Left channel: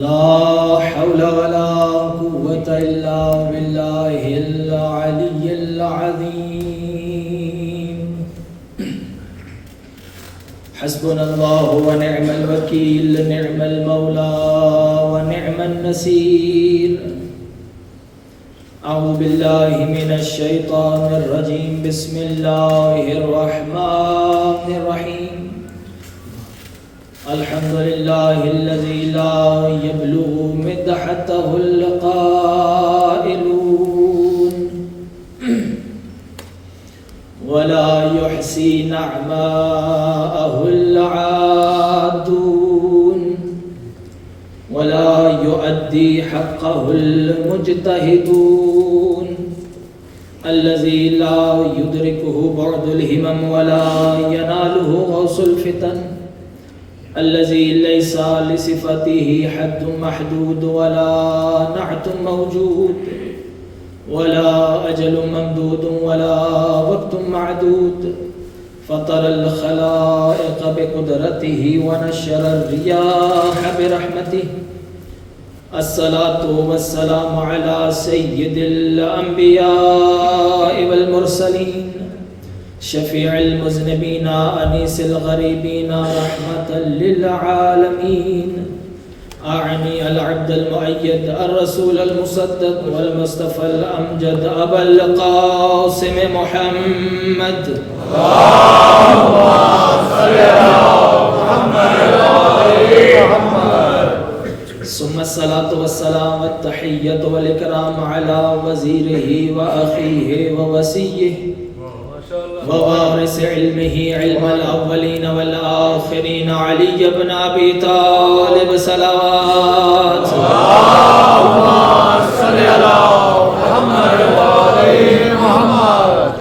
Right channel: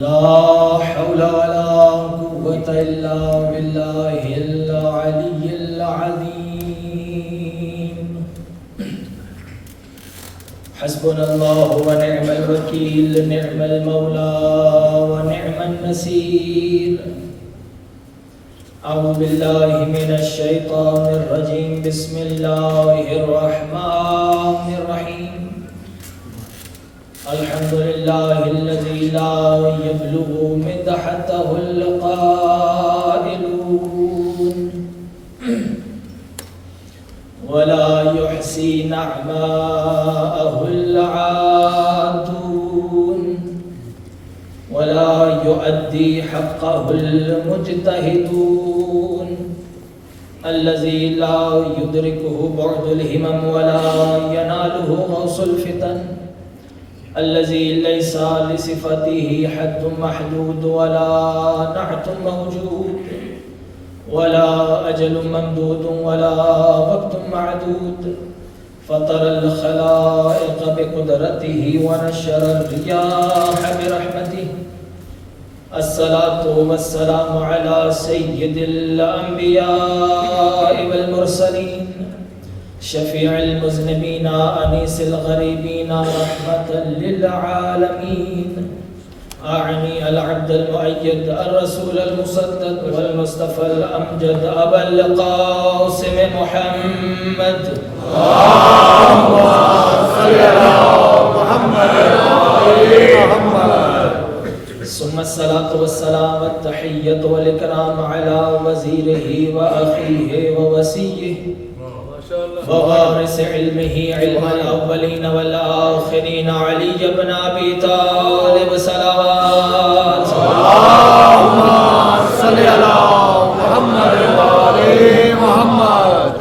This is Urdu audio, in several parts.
لا حول ولا قوة إلا بالله العلي العظيم. حسبنا الله ونعم الوكيل، نعم المولى ونعم النصير. أعوذ بالله من الشيطان الرجيم. بسم الله الرحمن الرحيم. الحمد لله الذي لا يبلغ مدحته القائلون ولا يحصي نعماءه العادون ولا يؤدي حقه المجتهدون الذي لا يدركه بعد الهمم ولا يناله غوص الفتن الذي ليس لصفته حد محدود ولا نعت موجود ولا أجل ممدود ولا وقت معدود فطر الخلائق بقدرته ونشر الرياح برحمته. الصلاة والسلام على سيد الأنبياء والمرسلين شفيع المذنبين أنيس الغريبين رحمة للعالمين. أعني العبد المؤيد الرسول المصدق والمصطفى الأمجد أبا القاسم محمد. اللهم صل على محمد. ثم الصلاة والسلام التحية والإكرام على وزيره وأخيه ووسيه ووارث علمه علم الأولين والآخرين علي بن أبي طالب. صلوات اللهم صل على محمد وآل محمد.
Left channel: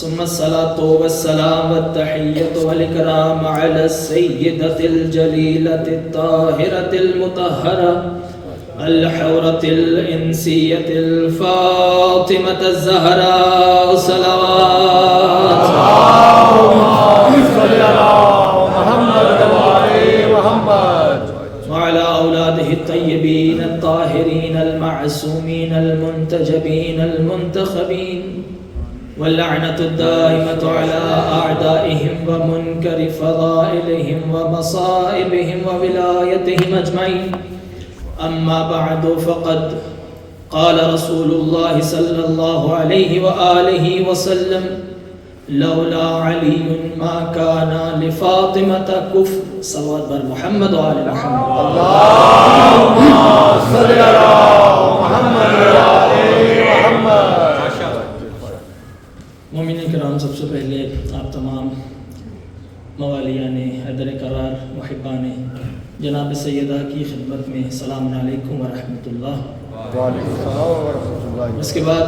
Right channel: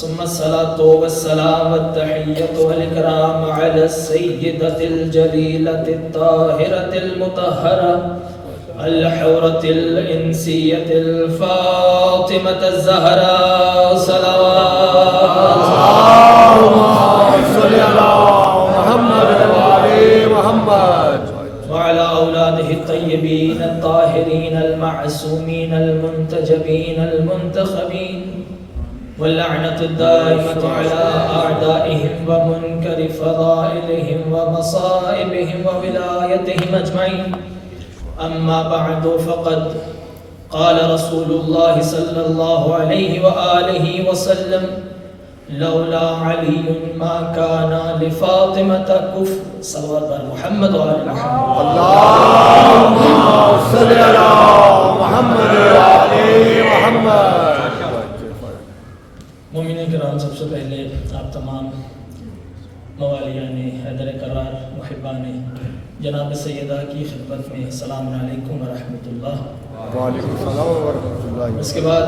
ثم الصلاة والسلام التحية والإكرام على السيدة الجليلة الطاهرة المطهرة الحورة الإنسية الفاطمة الزهراء. صلوات اللهم صل على محمد وآل محمد وعلى أولاده الطيبين الطاهرين المعصومين المنتجبين المنتخبين واللعنة الدائمة على أعدائهم ومنكر فضائلهم ومصائبهم وولايتهم أجمعين. أما بعد فقد قال رسول الله صلى الله عليه وآله وسلم لولا علي ما كان لفاطمة كفر. صلوات بر محمد وآل محمد. اللهم صل على محمد وآل محمد. مومنین کرام، سب سے پہلے آپ تمام موالیان حیدر کرار محبان جناب سیدہ کی خدمت میں السلام علیکم ورحمۃ اللہ. وعلیکم السلام ورحمۃ اللہ. اس کے بعد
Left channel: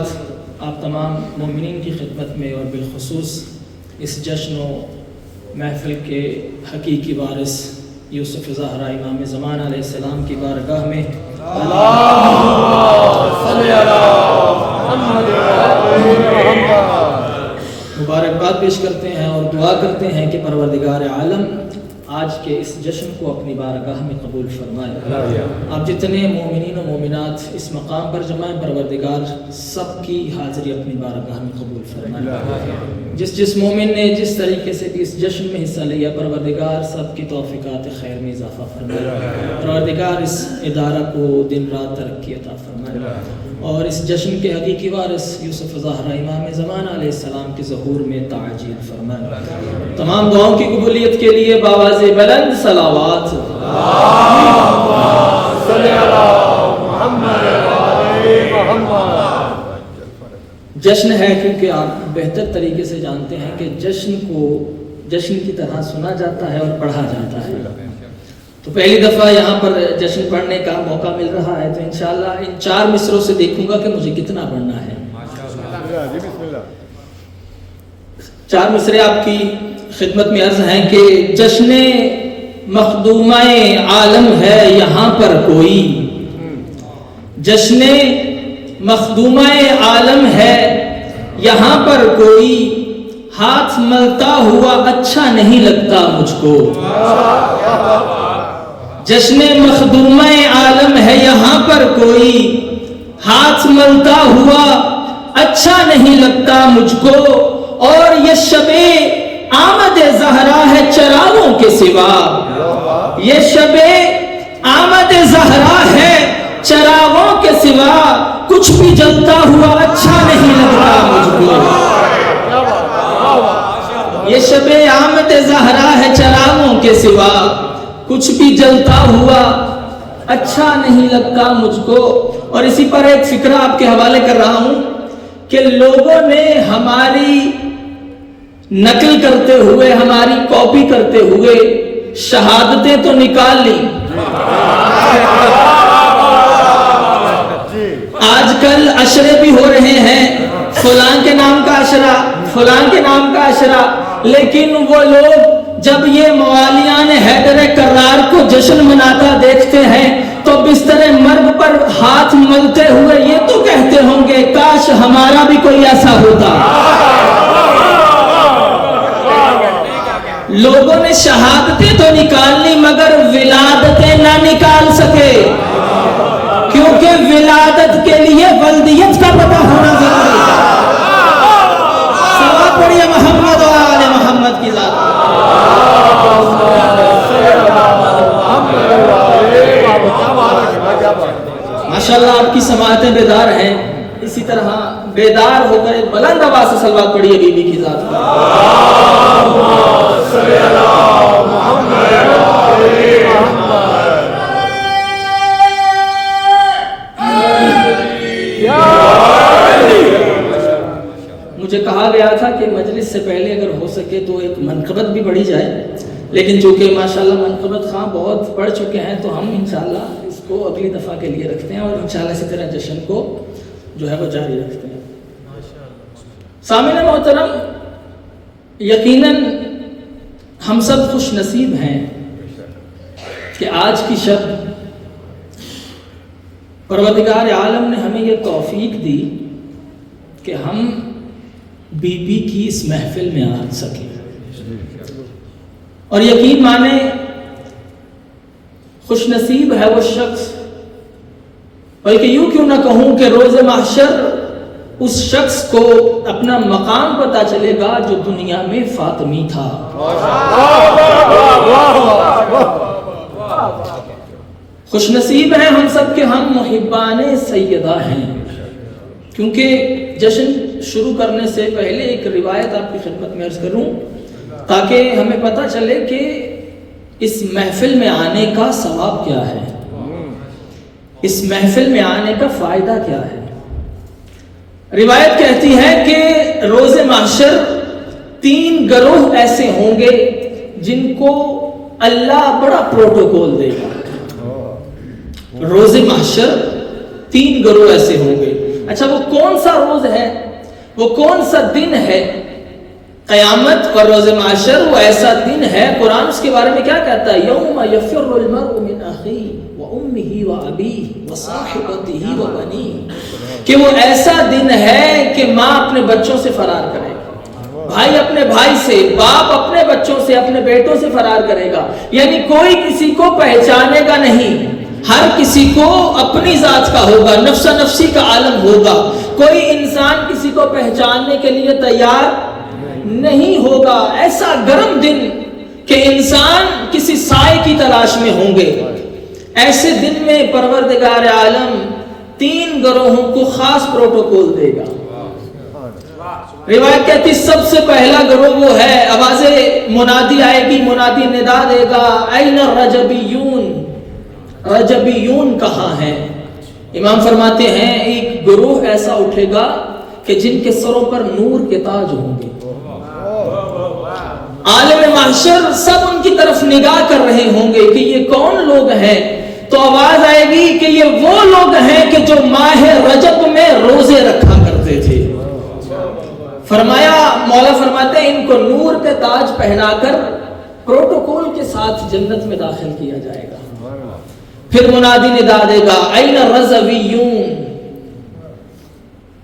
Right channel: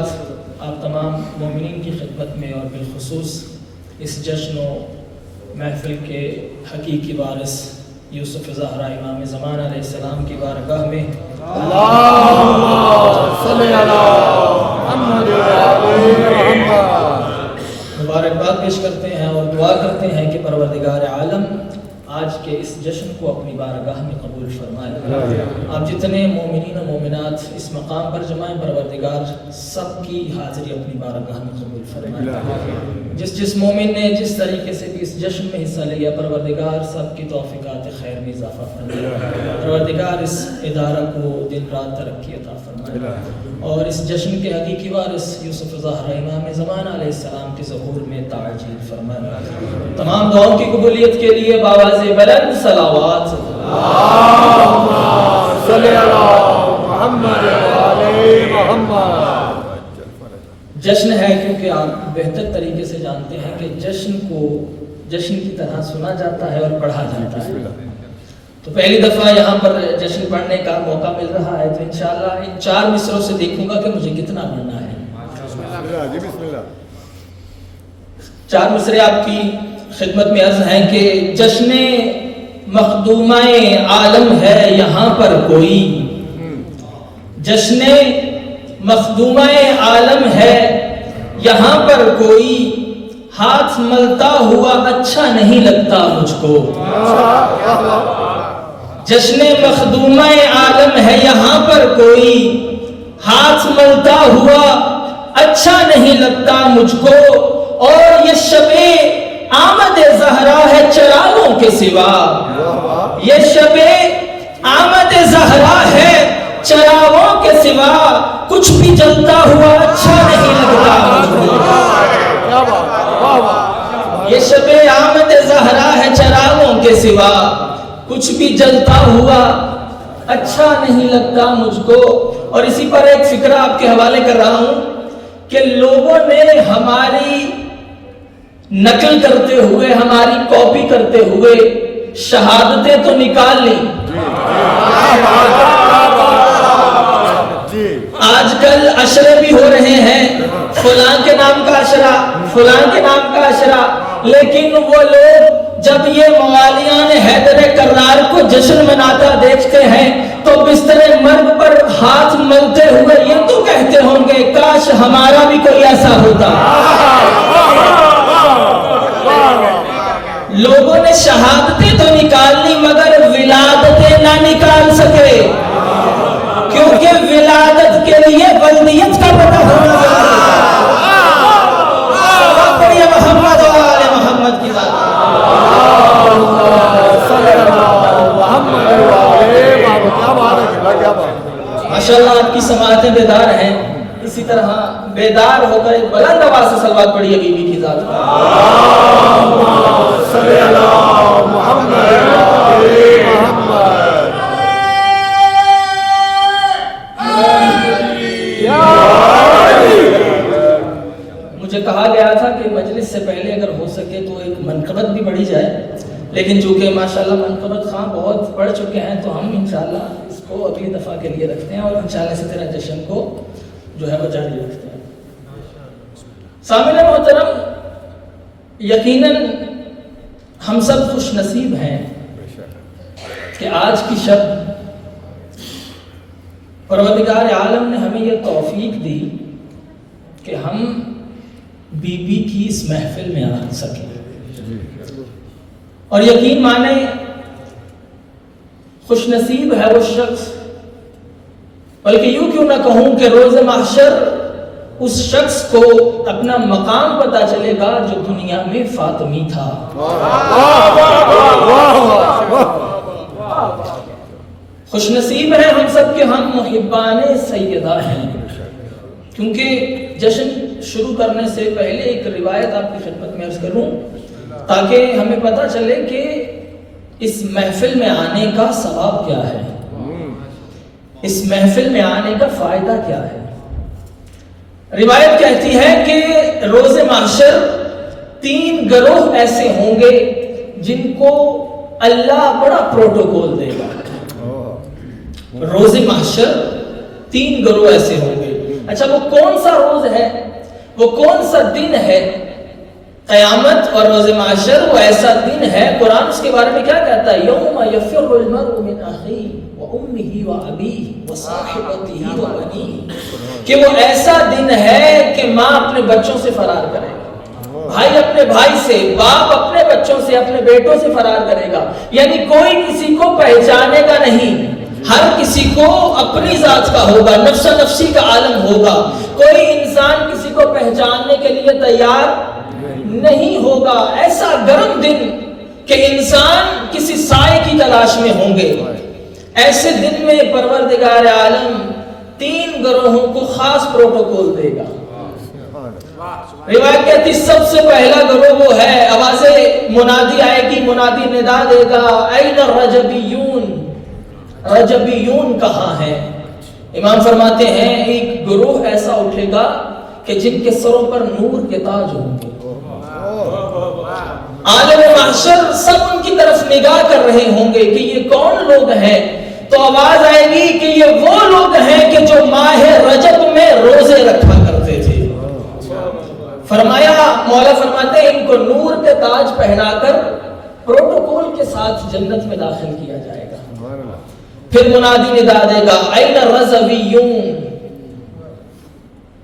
آپ تمام مومنین کی خدمت میں اور بالخصوص اس جشن و محفل کے حقیقی وارث یوسف زہرا امام زمان علیہ السلام کی بارگاہ میں اللہم صلی علی محمد مبارکباد پیش کرتے ہیں اور دعا کرتے ہیں کہ پروردگار عالم آج کے اس جشن کو اپنی بارگاہ میں قبول فرمائے. آپ جتنے مومنین و مومنات اس مقام پر جمع ہیں، پروردگار سب کی حاضری اپنی بارگاہ میں قبول فرمائے. جس مومن نے جس طریقے سے بھی اس جشن میں حصہ لیا، پروردگار سب کی توفیقات خیر میں اضافہ فرمائے. پروردگار اس ادارہ کو دن رات ترقی عطا فرمائے اور اس جشن کے حقیقی وارث یوسف زہرا امام زمان علیہ السلام کے ظہور میں تعجیل فرمائے. تمام دعاؤں کی قبولیت کے لیے بآواز بلند صلوات اللہم صلی علی محمد وآل محمد. جشن ہے کیونکہ آپ بہتر طریقے سے جانتے ہیں کہ جشن کو جشن کی طرح سنا جاتا ہے اور پڑھا جاتا ہے. تو پہلی دفعہ یہاں پر جشن پڑھنے کا موقع مل رہا ہے، تو انشاءاللہ ان 4 مصروں سے دیکھوں گا کہ مجھے کتنا پڑھنا ہے. 4 مصرے آپ کی خدمت میں عرض ہیں کہ جشن مخدومہ عالم ہے یہاں پر کوئی، جشن مخدومہ عالم ہے یہاں پر کوئی، ہاتھ ملتا ہوا اچھا نہیں لگتا مجھ کو. جشن مخدومہ عالم ہے یہاں پر کوئی، ہاتھ ملتا ہوا اچھا نہیں لگتا مجھ کو، اور یہ شب آمد زہرا ہے چراغوں کے سوا، یہ شب آمد زہرا ہے چراغوں کے سوا، کچھ بھی جلتا ہوا اچھا نہیں لگتا مجھ کو، یہ شب آمد زہرا ہے چراغوں کے سوا، کچھ بھی جلتا ہوا اچھا نہیں لگتا مجھ کو۔ اور اسی پر ایک فکرہ آپ کے حوالے کر رہا ہوں کہ لوگوں نے ہماری نقل کرتے ہوئے، ہماری کاپی کرتے ہوئے شہادتیں تو نکال لی، آج کل عشرے بھی ہو رہے ہیں، فلاں کے نام کا عشرہ، فلاں کے نام کا عشرہ، لیکن وہ لوگ جب یہ موالیان حیدر کرار کو جشن مناتا دیکھتے ہیں تو بستر مرگ پر ہاتھ ملتے ہوئے یہ تو کہتے ہوں گے کاش ہمارا بھی کوئی ایسا ہوتا۔ لوگوں نے شہادتیں تو نکال لی مگر ولادتیں نہ نکال سکے، کیونکہ ولادت کے لیے ولدیت کا پتہ ہونا ضروری ہے۔ صلوات پڑھیے محمد و آل محمد کی ذات۔ ماشاءاللہ آپ کی سماعتیں بیدار ہیں، اسی طرح بیدار ہو کر ایک بلند آواز سے صلوات پڑھیے بی بی کی ذات پر۔ مجھے کہا گیا تھا کہ مجلس سے پہلے اگر ہو سکے تو ایک منقبت بھی پڑھی جائے، لیکن چونکہ ماشاءاللہ منقبت خواہ بہت پڑھ چکے ہیں تو ہم انشاءاللہ اس کو اگلی دفعہ کے لیے رکھتے ہیں، اور انشاءاللہ اسی طرح جشن کو جو ہے وہ جاری رکھتے ہیں۔ سامعین محترم، یقیناً ہم سب خوش نصیب ہیں کہ آج کی شب پروردگار عالم نے ہمیں یہ توفیق دی کہ ہم بی بی کی اس محفل میں آ سکیں، اور یقین مانے خوش نصیب ہے وہ شخص، بلکہ یوں کیوں نہ کہوں کہ روز محشر اس شخص کو اپنا مقام پتہ چلے گا جو دنیا میں فاطمی تھا۔ خوش نصیب ہیں ہم سب کہ ہم محبان سیدہ ہیں، کیونکہ جشن شروع کرنے سے پہلے ایک روایت آپ کی خدمت میں عرض کروں تاکہ ہمیں پتہ چلے کہ اس محفل میں آنے کا ثواب کیا ہے، اس محفل میں آنے کا فائدہ کیا ہے۔ روایت کہتی ہے کہ روز محشر 3 گروہ ایسے ہوں گے جن کو اللہ بڑا پروٹوکول دے گا۔ روز محشر 3 گروہ ایسے ہوں گے۔ اچھا وہ کون سا روز ہے، وہ کون سا دن ہے؟ قیامت اور روز محشر وہ ایسا دن ہے، قرآن اس کے بارے میں کیا کہتا ہے؟ یوم یفر المرء من اخیہ وامہ وابیہ وصاحبتہ وبنیہ، کہ وہ ایسا دن ہے کہ ماں اپنے بچوں سے فرار کرے گا، بھائی اپنے بھائی سے، باپ اپنے بچوں سے، اپنے بیٹوں سے فرار کرے گا، یعنی کوئی کسی کو پہچانے گا نہیں، ہر کسی کو اپنی ذات کا ہوگا، نفس نفسی کا عالم ہوگا، کوئی انسان کسی کو پہچاننے کے لیے تیار نہیں ہوگا۔ ایسا گرم دن کہ انسان کسی سائے کی تلاش میں ہوں گے۔ ایسے دن میں پروردگار عالم 3 گروہوں کو خاص پروٹوکول دے گا۔ روایت کہتی سب سے پہلا گروہ وہ ہے، آواز منادی آئے گی، منادی ندا دے گا، این الرجبیون، رجبیون کہاں ہے؟ امام فرماتے ہیں ایک گروہ ایسا اٹھے گا کہ جن کے سروں پر نور کے تاج ہوں گے، عالم محشر سب ان کی طرف نگاہ کر رہے ہوں گے کہ یہ کون لوگ ہیں، تو آواز آئے گی کہ یہ وہ لوگ ہیں کہ جو ماہ رجب میں روزے رکھا کرتے تھے۔ فرمایا، مولا فرماتے ہیں ان کو نور کے تاج پہنا کر پروٹوکول کے ساتھ جنت میں داخل کیا جائے گا۔ پھر منادی ندا دے گا، این الرضویون،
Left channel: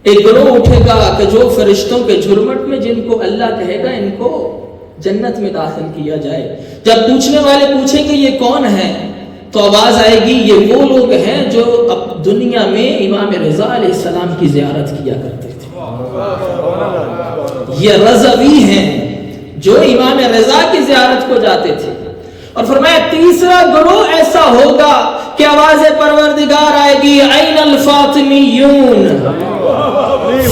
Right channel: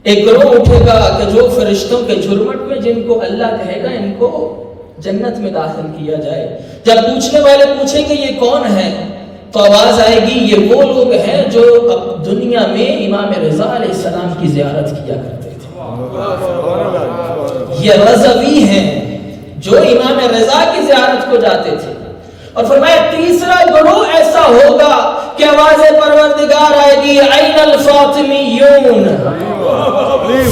ایک گروہ اٹھے گا کہ جو فرشتوں کے جھرمٹ میں جن کو اللہ کہے گا ان کو جنت میں داخل کیا جائے۔ جب پوچھنے والے پوچھیں کہ یہ کون ہے تو آواز آئے گی یہ وہ لوگ ہیں جو اب دنیا میں امام رضا علیہ السلام کی زیارت کیا کرتے تھے، یہ رضوی ہیں جو امام رضا کی زیارت کو جاتے تھے۔ اور فرمایا تیسرا گروہ ایسا ہوگا کہ آواز پروردگار آئے گی این الفاطمیون،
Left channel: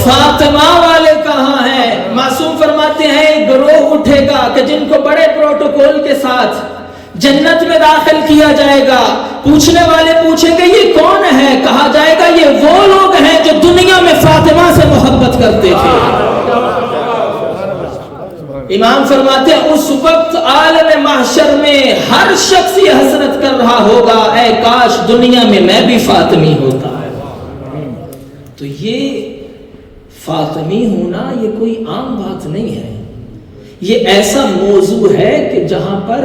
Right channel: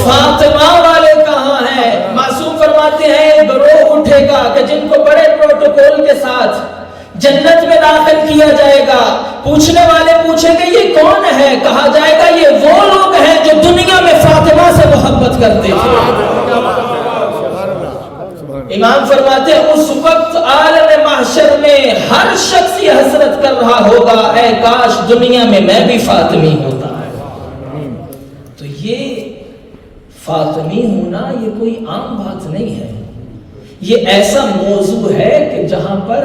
فاطمہ والے کہاں ہیں؟ معصوم فرماتے ہیں ایک گروہ اٹھے گا کہ جن کو بڑے پروٹوکول کے ساتھ جنت میں داخل کیا جائے گا، پوچھنے والے پوچھیں گے یہ کون ہے؟ کہا جائے گا یہ وہ لوگ ہیں جو دنیا میں فاطمہ سے محبت کرتے تھے۔ امام فرماتے ہیں اس وقت عالم محشر میں ہر شخص یہ حسرت کر رہا ہوگا اے کاش دنیا میں میں بھی فاطمی ہوتا۔ تو یہ فاطمی ہونا یہ کوئی عام بات نہیں ہے، یہ ایسا موضوع ہے کہ جہاں پر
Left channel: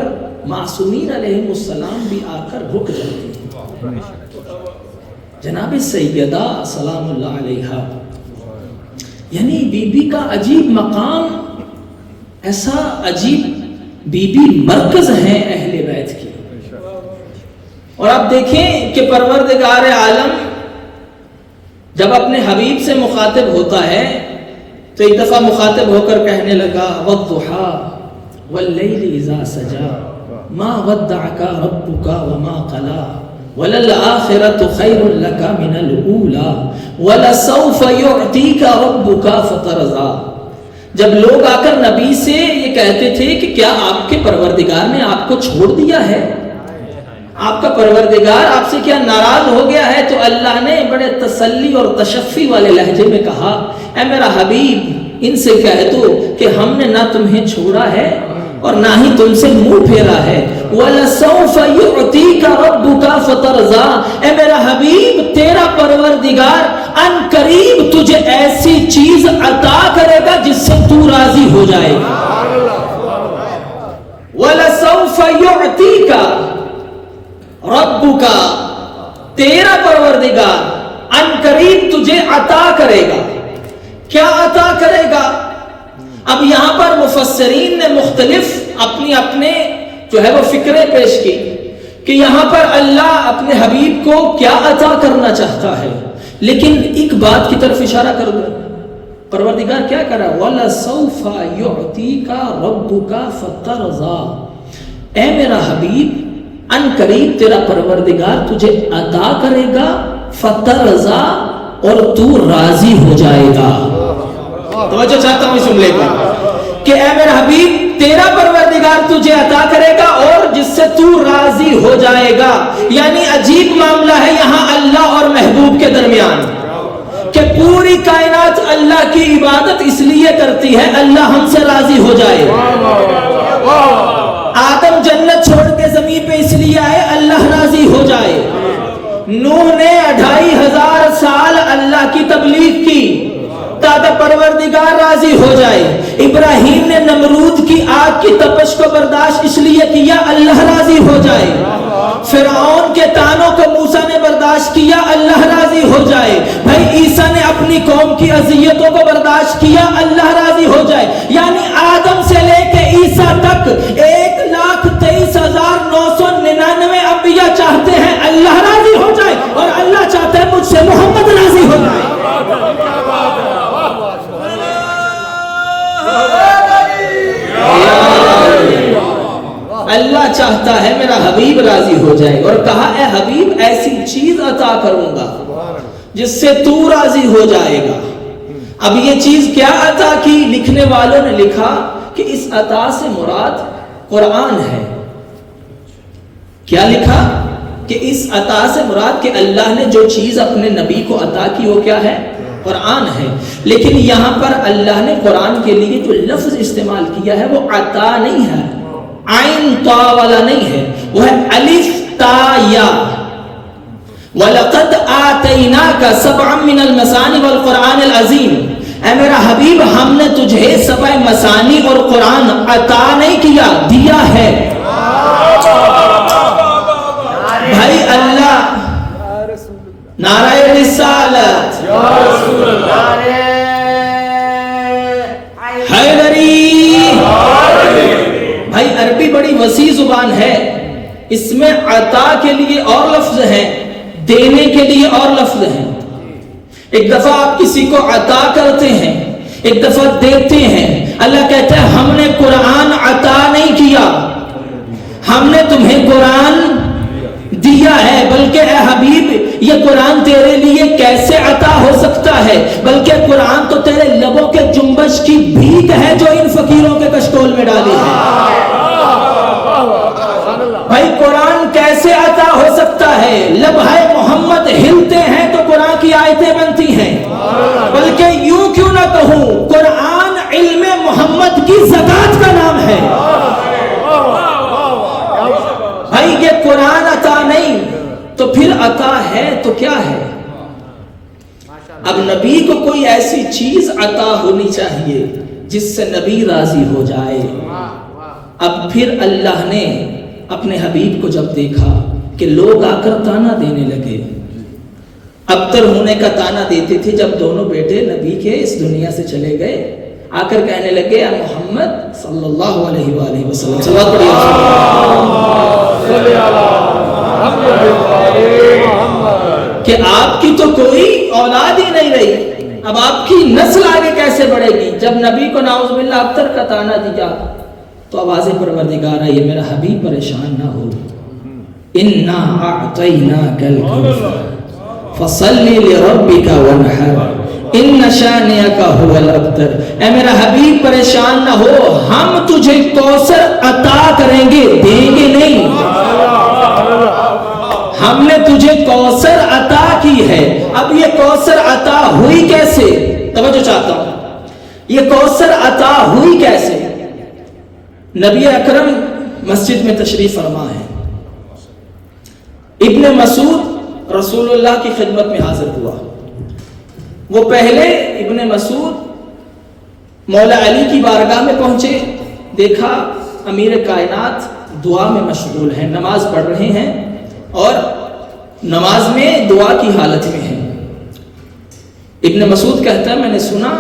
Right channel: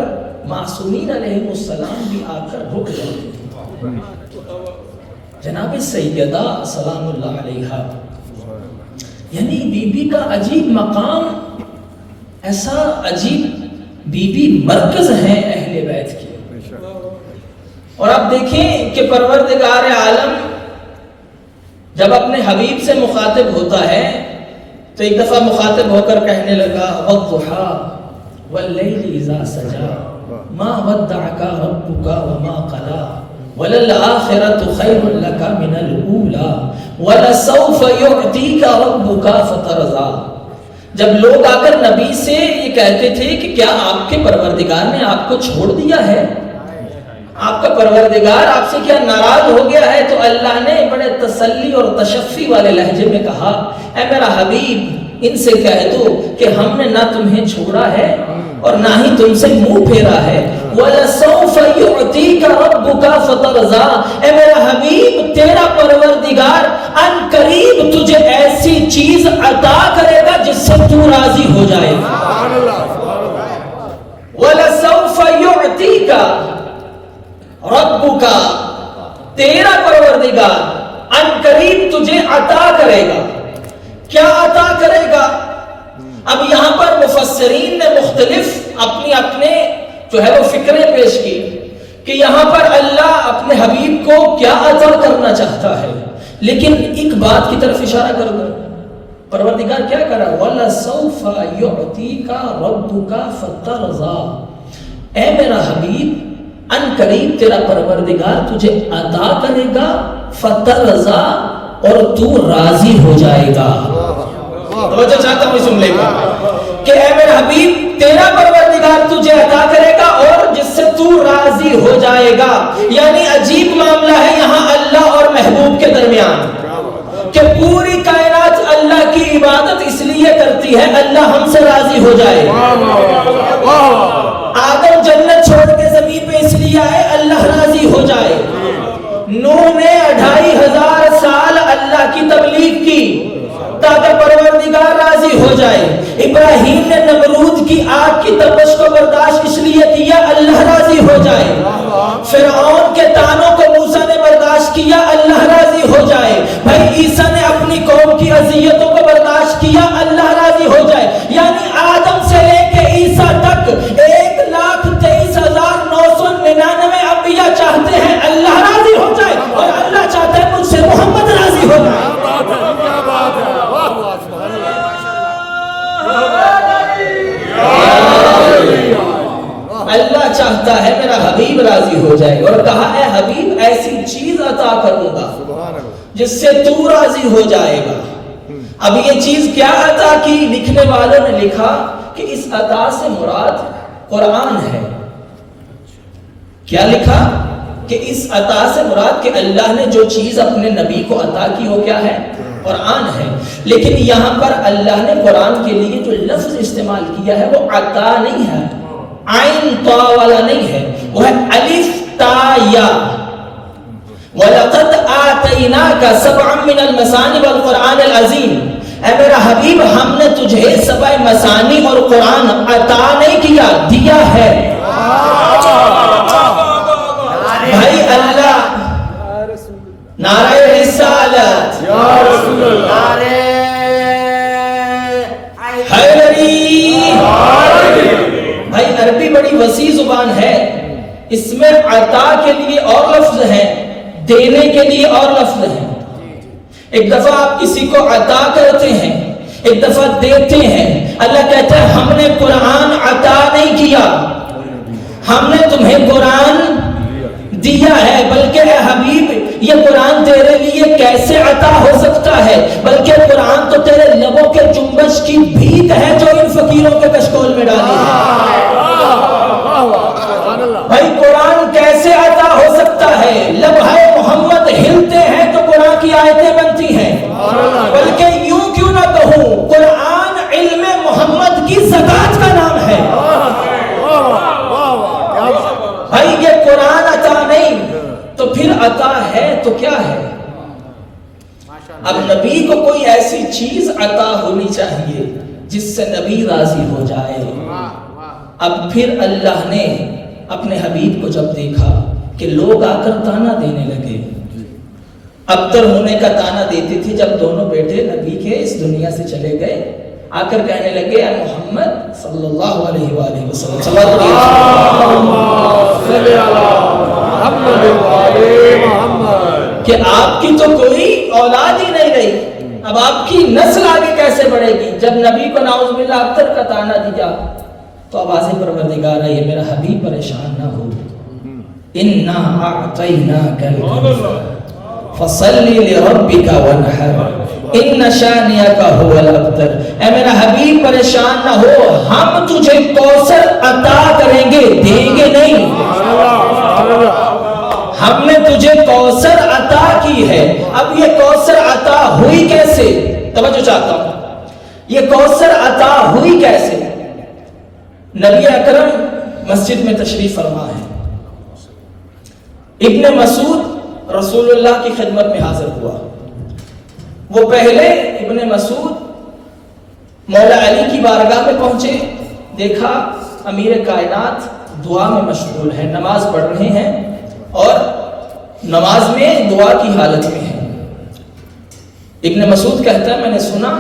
معصومین علیہ السلام بھی آ کر رک جاتے ہیں۔ جناب سیدہ سلام اللہ علیہا، یعنی بی بی کا عجیب مقام، ایسا عجیب بی بی مرکز ہے اہل بیت کی۔ اور آپ دیکھیں کہ پروردگار عالم جب اپنے حبیب سے مخاطب ہوتا ہے تو ایک دفعہ مخاطب ہو کر کہنے لگا والضحیٰ واللیل اذا سجا ما ودعک ربک وما قلا وللآخرۃ خیر لک من الاولی ولسوف یعطیک ربک فترضی۔ جب لوگ آ کر نبی سے یہ کہتے تھے کہ کیا آپ کے پروردگار نے آپ کو چھوڑ دیا ہے، آپ کا پروردگار آپ سے کیا ناراض ہو گیا ہے، تو اللہ نے بڑے تسلی اور تشفی والے لہجے میں کہا اے میرا حبیب ان سے کہہ دو کہ ہم نے نہ تمہیں چھوڑا ہے اور نہ ہی تم سے منہ پھیرا ہے۔ وَلَسَوْفَ يُعْتِيكَ رَبُّكَ فَتَرْضَىٰ، اے میرا حبیب تیرا پروردگار ان قریب تجھے ایسی چیز عطا کرے گا جس سے تو راضی ہو جائے گا۔ وَلَسَوْفَ يُعْتِيكَ رَبُّكَ، تیرا پروردگار ان قریب تجھے عطا کرے گا۔ کیا عطا کرے گا؟ اب یہاں پر مفسرین نے مختلف اپنے جو ہے وہ فکریں پیش کی کہ یہاں پر اللہ اپنے حبیب کو کیا عطا کرنا چاہتا ہے، لیکن ایک بات کی طرف اشارہ کر دوں، پروردگار کیا کرا وَلَسَوْفَ يُعْتِيكَ رَبُّكَ فَتَرْضَىٰ، اے میرا حبیب ان قریب تیرا پروردگار تجھے عطا کرے گا فَتَرْضَىٰ، اور تو راضی ہو جائے گا۔ توجہ چاہتا ہوں سن لیتے ہیں کہ اے میرا حبیب تیرا پروردگار تجھے عطا کرے گا اور جس سے تو راضی ہو جائے گا۔ یعنی عجیب معاملہ ہے یہاں اللہ اور محبوب کے درمیان کہ پوری کائنات اللہ کی عبادت اس لیے کرتی ہے اللہ ہم سے راضی ہو جائے۔ آدم جنت چھوڑ کے زمین پہ اس لیے آئے اللہ راضی ہو جائے۔ نوح نے 2500 سال اللہ کی تبلیغ کی تاکہ پروردگار راضی ہو جائے۔ ابراہیم نے نمرود کی آگ کی تپش کو برداشت اس لیے کیا اللہ راضی ہو جائے۔ فرعون کے تانوں کو موسیٰ نے برداشت کیا اللہ راضی ہو جائے۔ بھائی عیسیٰ نے اپنی قوم کی اذیتوں کو برداشت کیا اللہ راضی ہو جائے۔ یعنی آدم سے لے کے عیسیٰ تک 1,23,999 انبیاء چاہتے ہیں اللہ راضی ہو جائے اور اللہ چاہتا ہے مجھ سے محمد راضی ہو جائے۔ اللہ چاہتا ہے میرا حبیب راضی ہو جائے اور کہا اے حبیب ایسی چیز عطا کروں گا جس سے تو راضی ہو جائے گا۔ اب یہ چیز کیا عطا کی؟ لکھنے والوں نے لکھا کہ اس عطا سے مراد قرآن ہے۔ کیا لکھا؟ کہ اس عطا سے مراد کہ اللہ نے جو چیز اپنے نبی کو عطا کی وہ کیا ہے؟ قرآن ہے۔ لیکن یہاں پر اللہ نے قرآن کے لیے جو لفظ استعمال کیا ہے وہ عطا نہیں ہے، عین طا والا نہیں ہے، وہ ہے الف تا یا۔ وَلَقَدْ آتَيْنَاكَ سَبْعًا مِّنَ الْمَثَانِي وَالْقُرْآنِ الْعَظِيمِ، اے میرا حبیب ہم نے تجھے 7 مثانی اور قرآن عطا نہیں کیا، دیا ہے۔ بھائی اللہ نعرہ رسالت، نعرہ حیدری۔ بھائی عربی بڑی وسیع زبان ہے، اس میں عطا کے لیے اور لفظ ہیں، دینے کے لیے اور لفظ ہیں۔ ایک دفعہ آپ کسی کو عطا کرتے ہیں، ایک دفعہ دیتے ہیں۔ اللہ کہتا ہے ہم نے قرآن عطا نہیں کیا، ہم نے تمہیں قرآن دیا ہے، بلکہ اے حبیب یہ قرآن تیرے لیے کیسے عطا ہو سکتا ہے؟ بلکہ قرآن تو تیرے لبوں کے جنبش کی بھیک ہے جو ان فقیروں کے کشکول میں ڈالی ہے۔ بھائی قرآن کیسے عطا ہو سکتا ہے؟ لبھائے محمد ہلتے ہیں تو قرآن کی آیتیں بنتی ہیں، بلکہ یوں کیوں نہ کہوں قرآن علم محمد کی زکات کا نام ہے۔ بھائی یہ قرآن عطا نہیں تو پھر عطا ہے تو کیا ہے؟ اب نبی کو کوئی ایسی چیز عطا ہونی چاہیے جس سے نبی راضی ہو جائے۔ اب پھر اللہ نے اپنے حبیب کو جب دیکھا کہ لوگ آ کر تانا دینے لگے، ابتر ہونے کا تانا دیتے تھے جب دونوں بیٹے نبی کے اس دنیا سے چلے گئے، آ کر کہنے لگے اے محمد صلی اللہ علیہ وآلہ وسلم کہ آپ کی تو کوئی اولاد ہی نہیں رہی، اب آپ کی نسل آگے کیسے بڑھے گی؟ جب نبی کو نعوذ باللہ ابتر کا تانا دیا تو آواز پروردگار یہ میرا حبیب پریشان نہ ہو، اِنَّا أَعْطَيْنَاكَ الْكَوْثَرَ فَصَلِّ لِرَبِّكَ وَانْحَرْ اِنَّ شَانِئَكَ هُوَ الْأَبْتَرُ۔ اے میرا حبیب پریشان نہ ہو، ہم تجھے کوثر عطا کریں گے، دیں گے نہیں، ہم نے تجھے کوثر عطا کی ہے۔ اب یہ کوثر عطا ہوئی کیسے؟ توجہ چاہتا ہوں، یہ کوثر عطا ہوئی کیسے؟ نبی اکرم مسجد میں تشریف فرما ہے، ابن مسعود رسول اللہ کی خدمت میں حاضر ہوا۔ وہ پہلے ابن مسعود مولا علی کی بارگاہ میں پہنچے، دیکھا امیر کائنات دعا میں مشغول ہیں، نماز پڑھ رہے ہیں اور نماز میں دعا کی حالت میں ہیں۔ ابن مسعود کہتا ہے میں نے سنا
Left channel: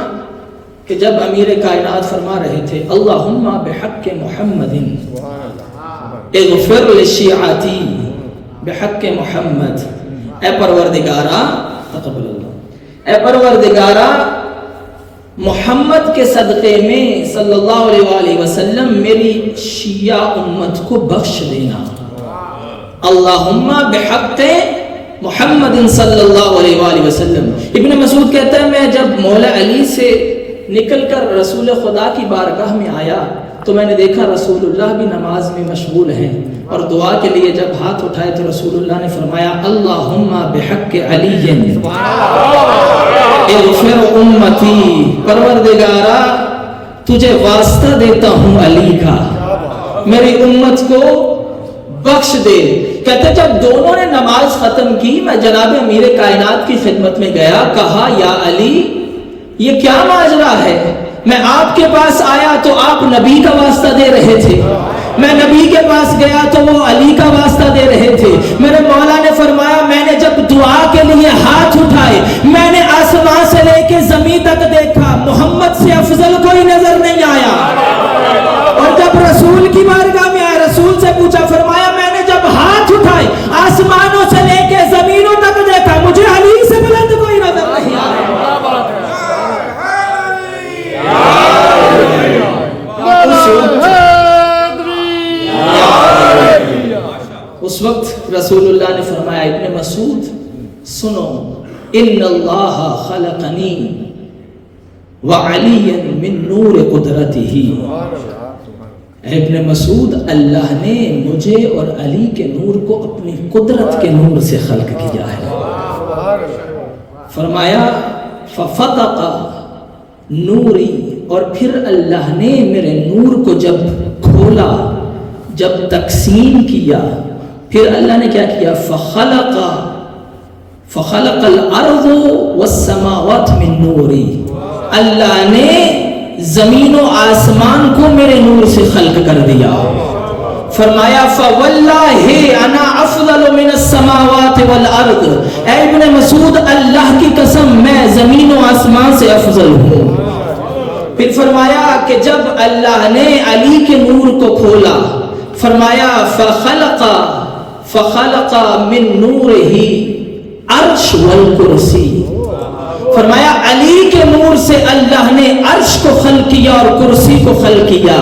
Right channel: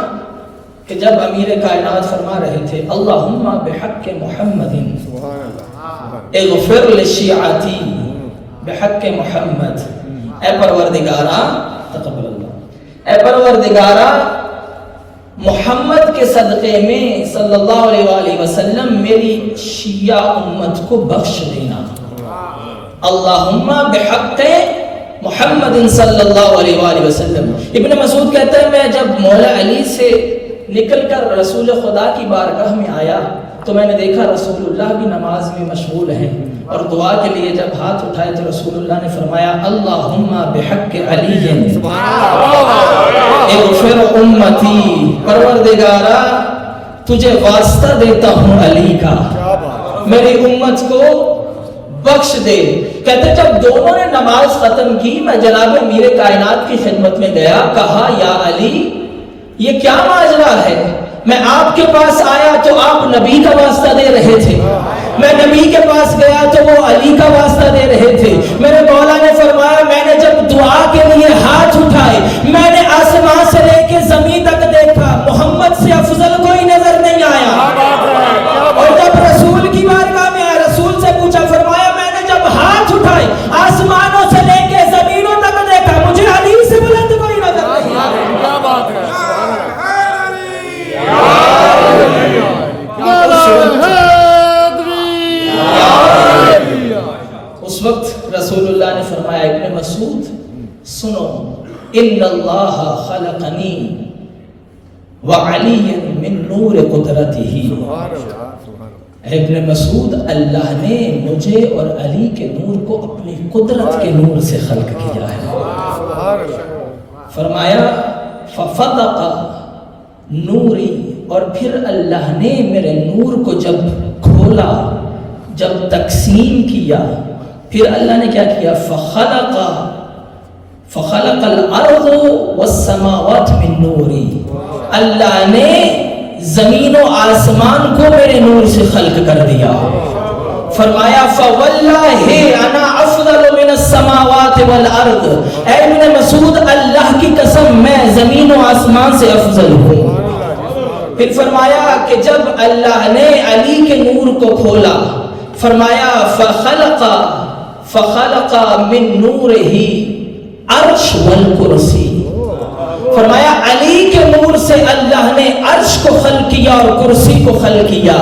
کہ جب امیر کائنات فرما رہے تھے اللہم بحق محمد اغفر لشیعتی بحق محمد، اے پروردگارہ تقبل اللہ، اے پروردگارہ محمد کے صدقے میں صلی اللہ علیہ وآلہ وسلم میری شیعہ امت کو بخش دینا۔ اللہم بحق محمد صلی اللہ علیہ وآلہ وسلم۔ ابن مسعود کہتا ہے میں جب مولا علی سے نکل کر رسول خدا کی بارگاہ میں آیا تو میں نے دیکھا رسول اللہ بھی نماز میں مشغول ہیں، اور دعا کے لیے جب ہاتھ اٹھائے تو رسول اللہ نے فرمایا اللہم بحق علی اغفر امتی، پروردگارہ تجھے واسطہ دیتا ہوں علی کا، میری امت کو بخش دے۔ کہتے جب دونوں نے نماز ختم کی میں جناب امیر کائنات کی خدمت میں گیا، کہا یا علی یہ کیا ماجرا ہے؟ میں آپ کے پاس آیا تو آپ نبی کا واسطہ دے رہے تھے، میں نبی کے پاس گیا تو وہ علی کا واسطہ دے رہے تھے۔ میرے مولا نے فرمایا میں نے جب دعا کے لیے ہاتھ اٹھائے میں نے آسمان سے لے کے زمین تک دیکھا، محمد سے افضل کوئی نظر نہیں آیا۔ اور جب رسول کی بارگاہ میں آیا رسول سے پوچھا، فرمایا میں نے جب ہاتھ اٹھائے آسمانوں سے لے کے زمینوں تک دیکھا، مجھے علی سے بلند کوئی نظر نہیں آیا۔ اس وقت رسول اللہ نے فرمایا ابن مسعود سنو، ان اللہ خلقنی وعلی من نور قدرتہ، ابن مسعود اللہ نے مجھے اور علی کے نور کو اپنی قدرت کے نور سے خلق کیا ہے۔ فرمایا ففتق نوری، اور پھر اللہ نے میرے نور کو جب کھولا، جب تقسیم کیا، پھر اللہ نے کیا کیا فخلق الارض والسماوات من نوری، اللہ نے زمین و آسمان کو میرے نور سے خلق کر دیا۔ فرمایا فواللہ انا افضل من السماوات والارض، اے ابن مسعود اللہ کی قسم میں زمین و آسمان سے افضل ہوں۔ پھر فرمایا کہ جب اللہ نے علی کے نور کو کھولا، فرمایا فخلق فخلق من نورہ عرش والکرسی. فرمایا علی کے نور سے اللہ نے عرش کو خلق کیا اور کرسی کو خلق کیا.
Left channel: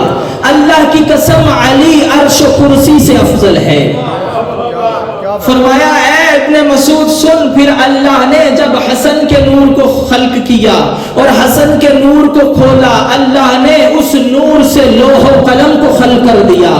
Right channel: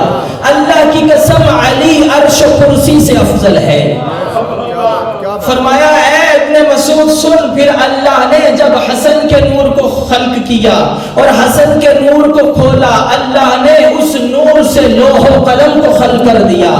اللہ کی قسم علی عرش و کرسی سے افضل ہے. فرمایا اے ابن مسعود سن، پھر اللہ نے جب حسن کے نور کو خلق کیا اور حسن کے نور کو کھولا، اللہ نے اس نور سے لوح و قلم کو خلق کر دیا.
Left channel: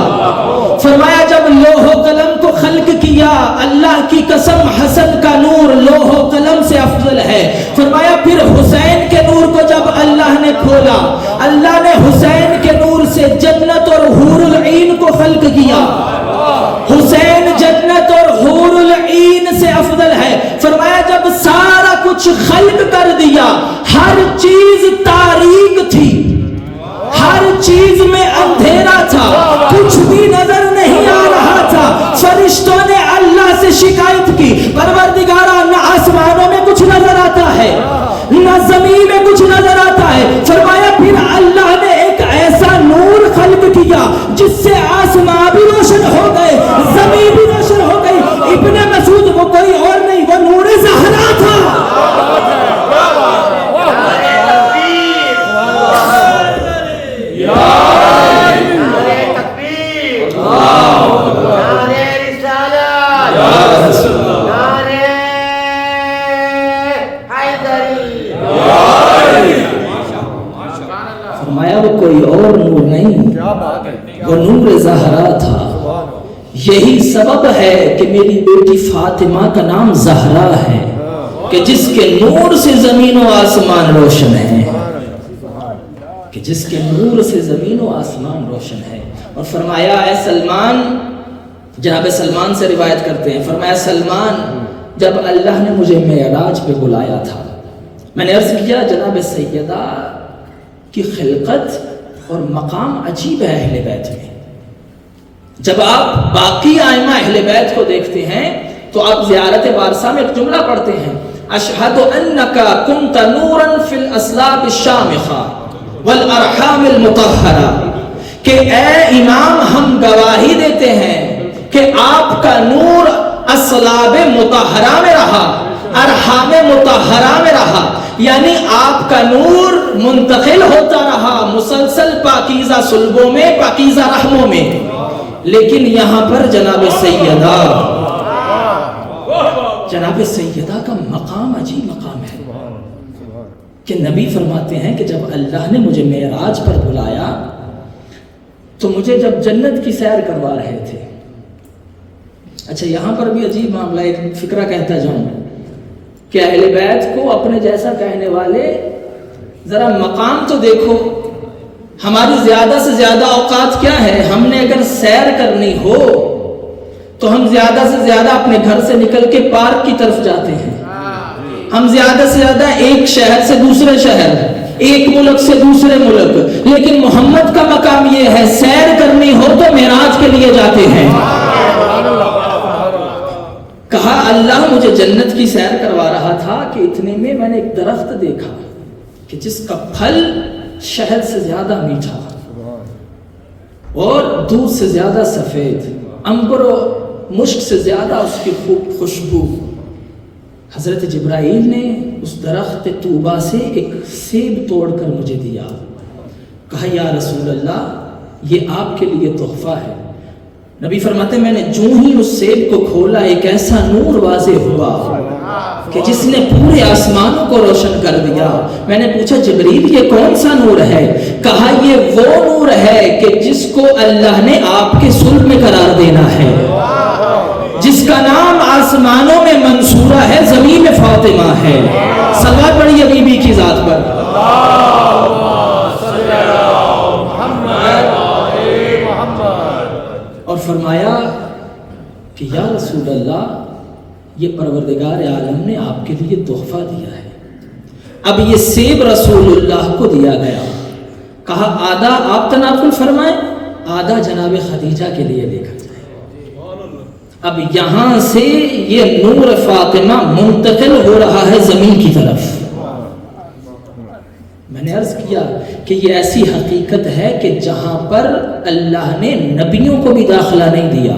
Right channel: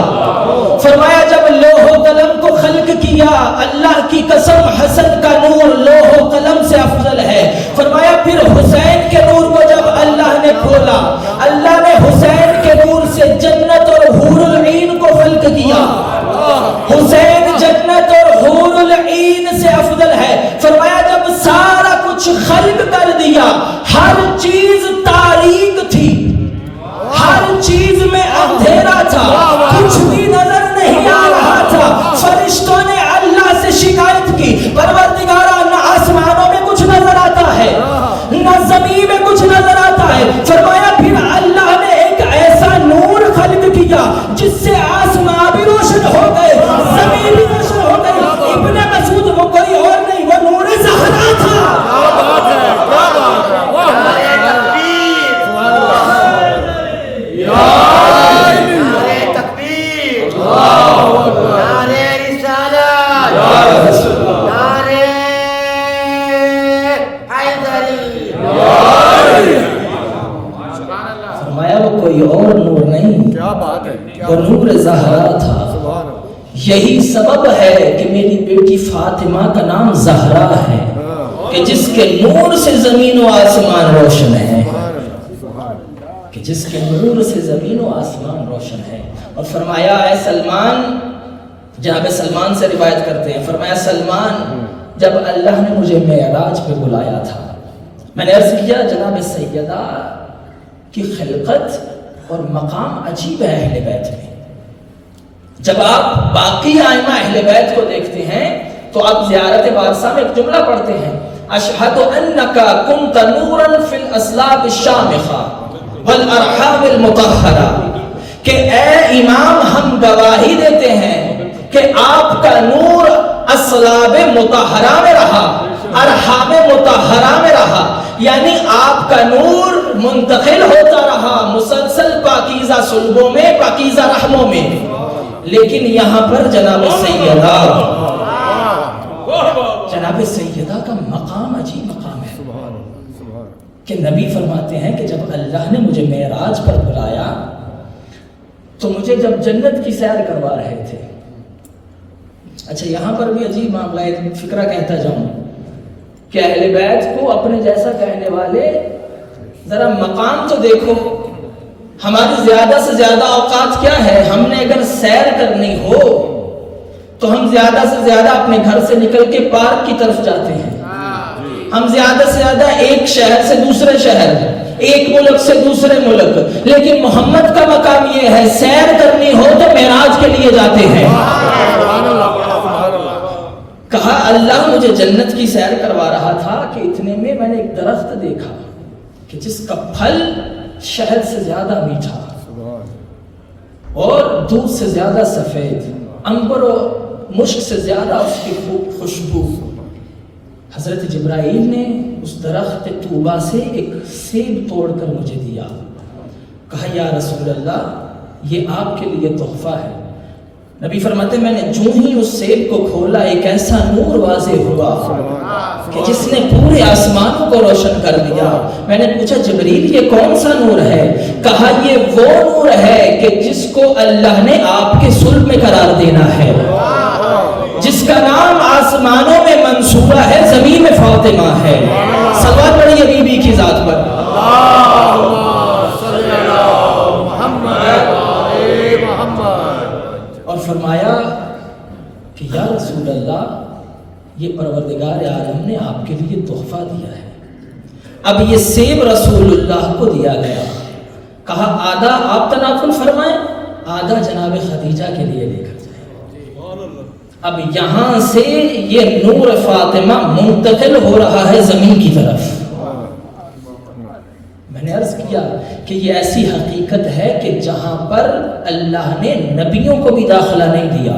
فرمایا جب لوح و قلم کو خلق کیا، اللہ کی قسم حسن کا نور لوح و قلم سے افضل ہے. فرمایا پھر حسین کے نور کو جب اللہ نے کھولا، اللہ نے حسین کے نور سے جنت اور حور العین کو خلق کیا. حسین جنت اور حور العین سے افضل ہے. فرمایا جب سارا کچھ خلق کر دیا، ہر چیز تاریک تھی، ہر چیز میں اندھیرا تھا، کچھ بھی نظر نہیں آ رہا تھا. فرشتوں نے اللہ سے شکایت کی، پروردگارا نہ آسمانوں میں کچھ نظر آتا ہے نہ زمین میں کچھ نظر آتا ہے. فرمایا پھر اللہ نے ایک ایسا نور خلق کیا جس سے آسمان بھی روشن ہو گئے، زمین بھی روشن ہو گئی. ابن مسعود وہ کوئی اور نہیں، وہ نور زہرا تھا. فرمایا وہ کوئی اور نور نہیں، وہ نور زہرا تھا. یہی سبب ہے کہ میری بیٹی فاطمہ کا نام زہرا ہے، کہ جس کے نور سے زمین و آسمان روشن ہے، کہ جس کے نور سے زمین و آسمان روشن ہے. اور فرمایا اے سلمان، جناب سلمان سے روایت کرتے ہیں، فرمایا سلمان جب اللہ نے مجھے معراج پہ بلایا تھا، میں نے عرض کیا جناب سیدہ کی خلقت اور مقام عجیب ہے اہل بیت میں. جب آپ باقی ائمہ اہل بیت کو دیکھتے ہیں تو آپ زیارت وارثہ میں ایک جملہ پڑھتے ہیں، اشہد انک کنت نورا فی الاسلاب الشامخہ والارحام المطہرہ، کہ اے امام ہم گواہی دیتے ہیں کہ آپ کا نور اسلاب مطہرہ میں رہا، ارحام مطہرہ میں رہا، یعنی آپ کا نور منتقل ہوتا رہا مسلسل پاکیزہ صلبوں میں، پاکیزہ رحموں میں. لیکن یہاں پر جناب سیدہ کا مقام عجیب مقام ہے کہ نبی فرماتے ہیں کہ جب اللہ نے مجھے معراج پر بلایا تو مجھے جب جنت کی سیر کروا رہے تھے. اچھا یہاں پر بھی عجیب معاملہ، ایک فکرہ کہتا جاؤں کہ اہل بیت کو اپنے جیسا کہنے والے ذرا مقام تو دیکھو. ہماری زیادہ سے زیادہ اوقات کیا ہے، ہم نے اگر سیر کرنی ہو تو ہم زیادہ سے زیادہ اپنے گھر سے نکل کے پارک کی طرف جاتے ہیں. ہم زیادہ سے زیادہ ایک شہر سے دوسرے شہر، ایک ملک سے دوسرے ملک. لیکن محمد کا مقام یہ ہے، سیر کرنی ہو تو معراج کے لیے جاتے ہیں. کہا اللہ مجھے جنت کی سیر کروا رہا تھا کہ اتنے میں نے ایک درخت دیکھا کہ جس کا پھل شہد سے زیادہ میٹھا اور دودھ سے زیادہ سفید، عنبر و مشک سے زیادہ اس کی خوشبو. حضرت جبرائیل نے اس درخت طوبہ سے ایک سیب توڑ کر مجھے دیا. کہا یا رسول اللہ یہ آپ کے لیے تحفہ ہے. نبی فرماتے میں نے جو ہی اس سیب کو کھولا ایک ایسا نور واضح ہوا کہ جس نے پورے آسمانوں کو روشن کر دیا. میں نے پوچھا جبریل یہ کون سا نور ہے؟ کہا یہ وہ نور ہے کہ جس کو اللہ نے آپ کے صلب میں قرار دینا ہے، جس کا نام آسمانوں میں منصوبہ ہے، زمین میں فاطمہ ہے. صلوات پڑھیے بی بی کی ذات پر. اور فرمایا کہ یا رسول اللہ یہ پروردگار عالم نے آپ کے لیے تحفہ دیا ہے. اب یہ سیب رسول اللہ کو دیا گیا. کہا آدھا آپ تناول فرمائیں، آدھا جناب خدیجہ کے لیے لے کر جائیں. اب یہاں سے یہ نور فاطمہ منتقل ہو رہا ہے زمین کی طرف. میں نے عرض کیا کہ یہ ایسی حقیقت ہے کہ جہاں پر اللہ نے نبیوں کو بھی داخلہ نہیں دیا،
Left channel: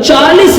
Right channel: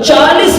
40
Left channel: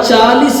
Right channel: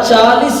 40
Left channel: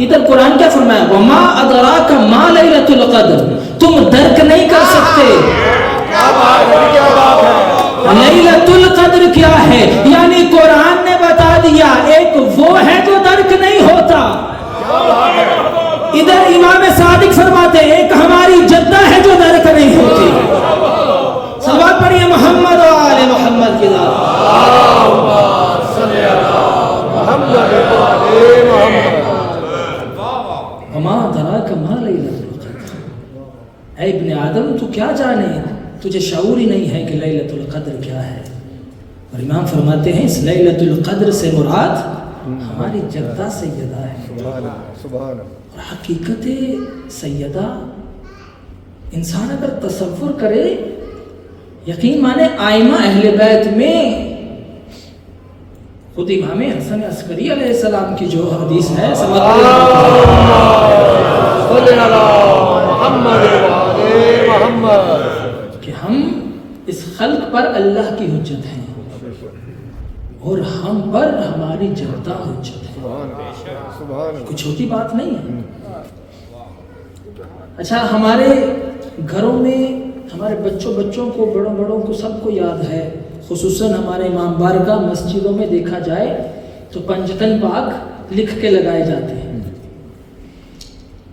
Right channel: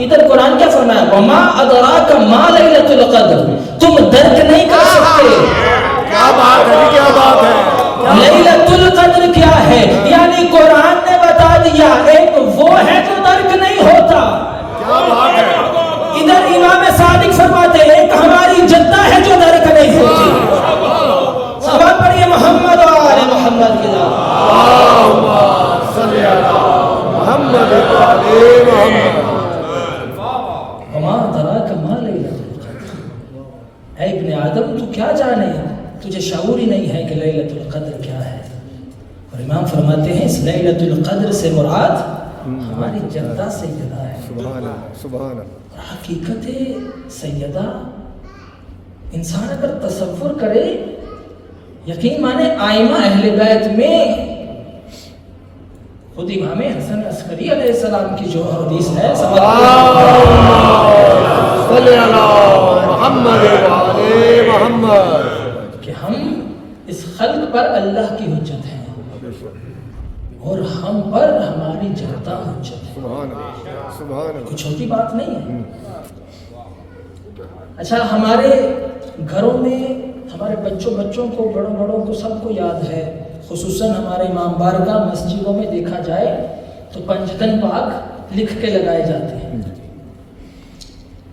ادھر قرآن کیا فرمایا؟ وما ادراک ما لیلۃ القدر، تم درک نہیں کر سکتے کیا بات ہے، کیا بات ہے، لیلۃ القدر کیا ہے، یعنی قرآن نے بتا دیا ایک وہ ہے جو درک نہیں ہوتا۔ ادھر امام صادق فرماتے ہیں ایک ہماری جدہ ہے جو درک نہیں ہوتی۔ صلوات پڑھیے محمد و آل محمد کی ذات۔ وما ادراک ما لیلۃ القدر، اے ابن آدم تو کیا جانے، تجھے شعور ہی نہیں ہے کہ لیلۃ القدر کیا ہے۔ اور امام فرماتے ہیں اس لیلۃ القدر سے مراد ہماری جدہ سیدہ ہے۔ سبحان حقیقت سیدہ انسان اگر تصور کرے، یقین مانے آئمہ اہل بیت میں خود امام حسن عسکری علیہ السلام کی جو حدیث ہے صلی اللہ محمد کہ ہم اس خلق پر اللہ کی حجت ہیں اور ہم پر ہماری جدہ حجت ہے، کچھ چھوٹی بات نہیں ہے۔ اچھا، ہمارے گھروں میں ہمارے بچوں کو، بڑوں کو سب کو یاد ہے، خصوصاً ہمارے امام بارگاہ مسجدوں میں دیکھا جائے تو پنجتن پاک لکھ کے لگائے جاتے ہیں۔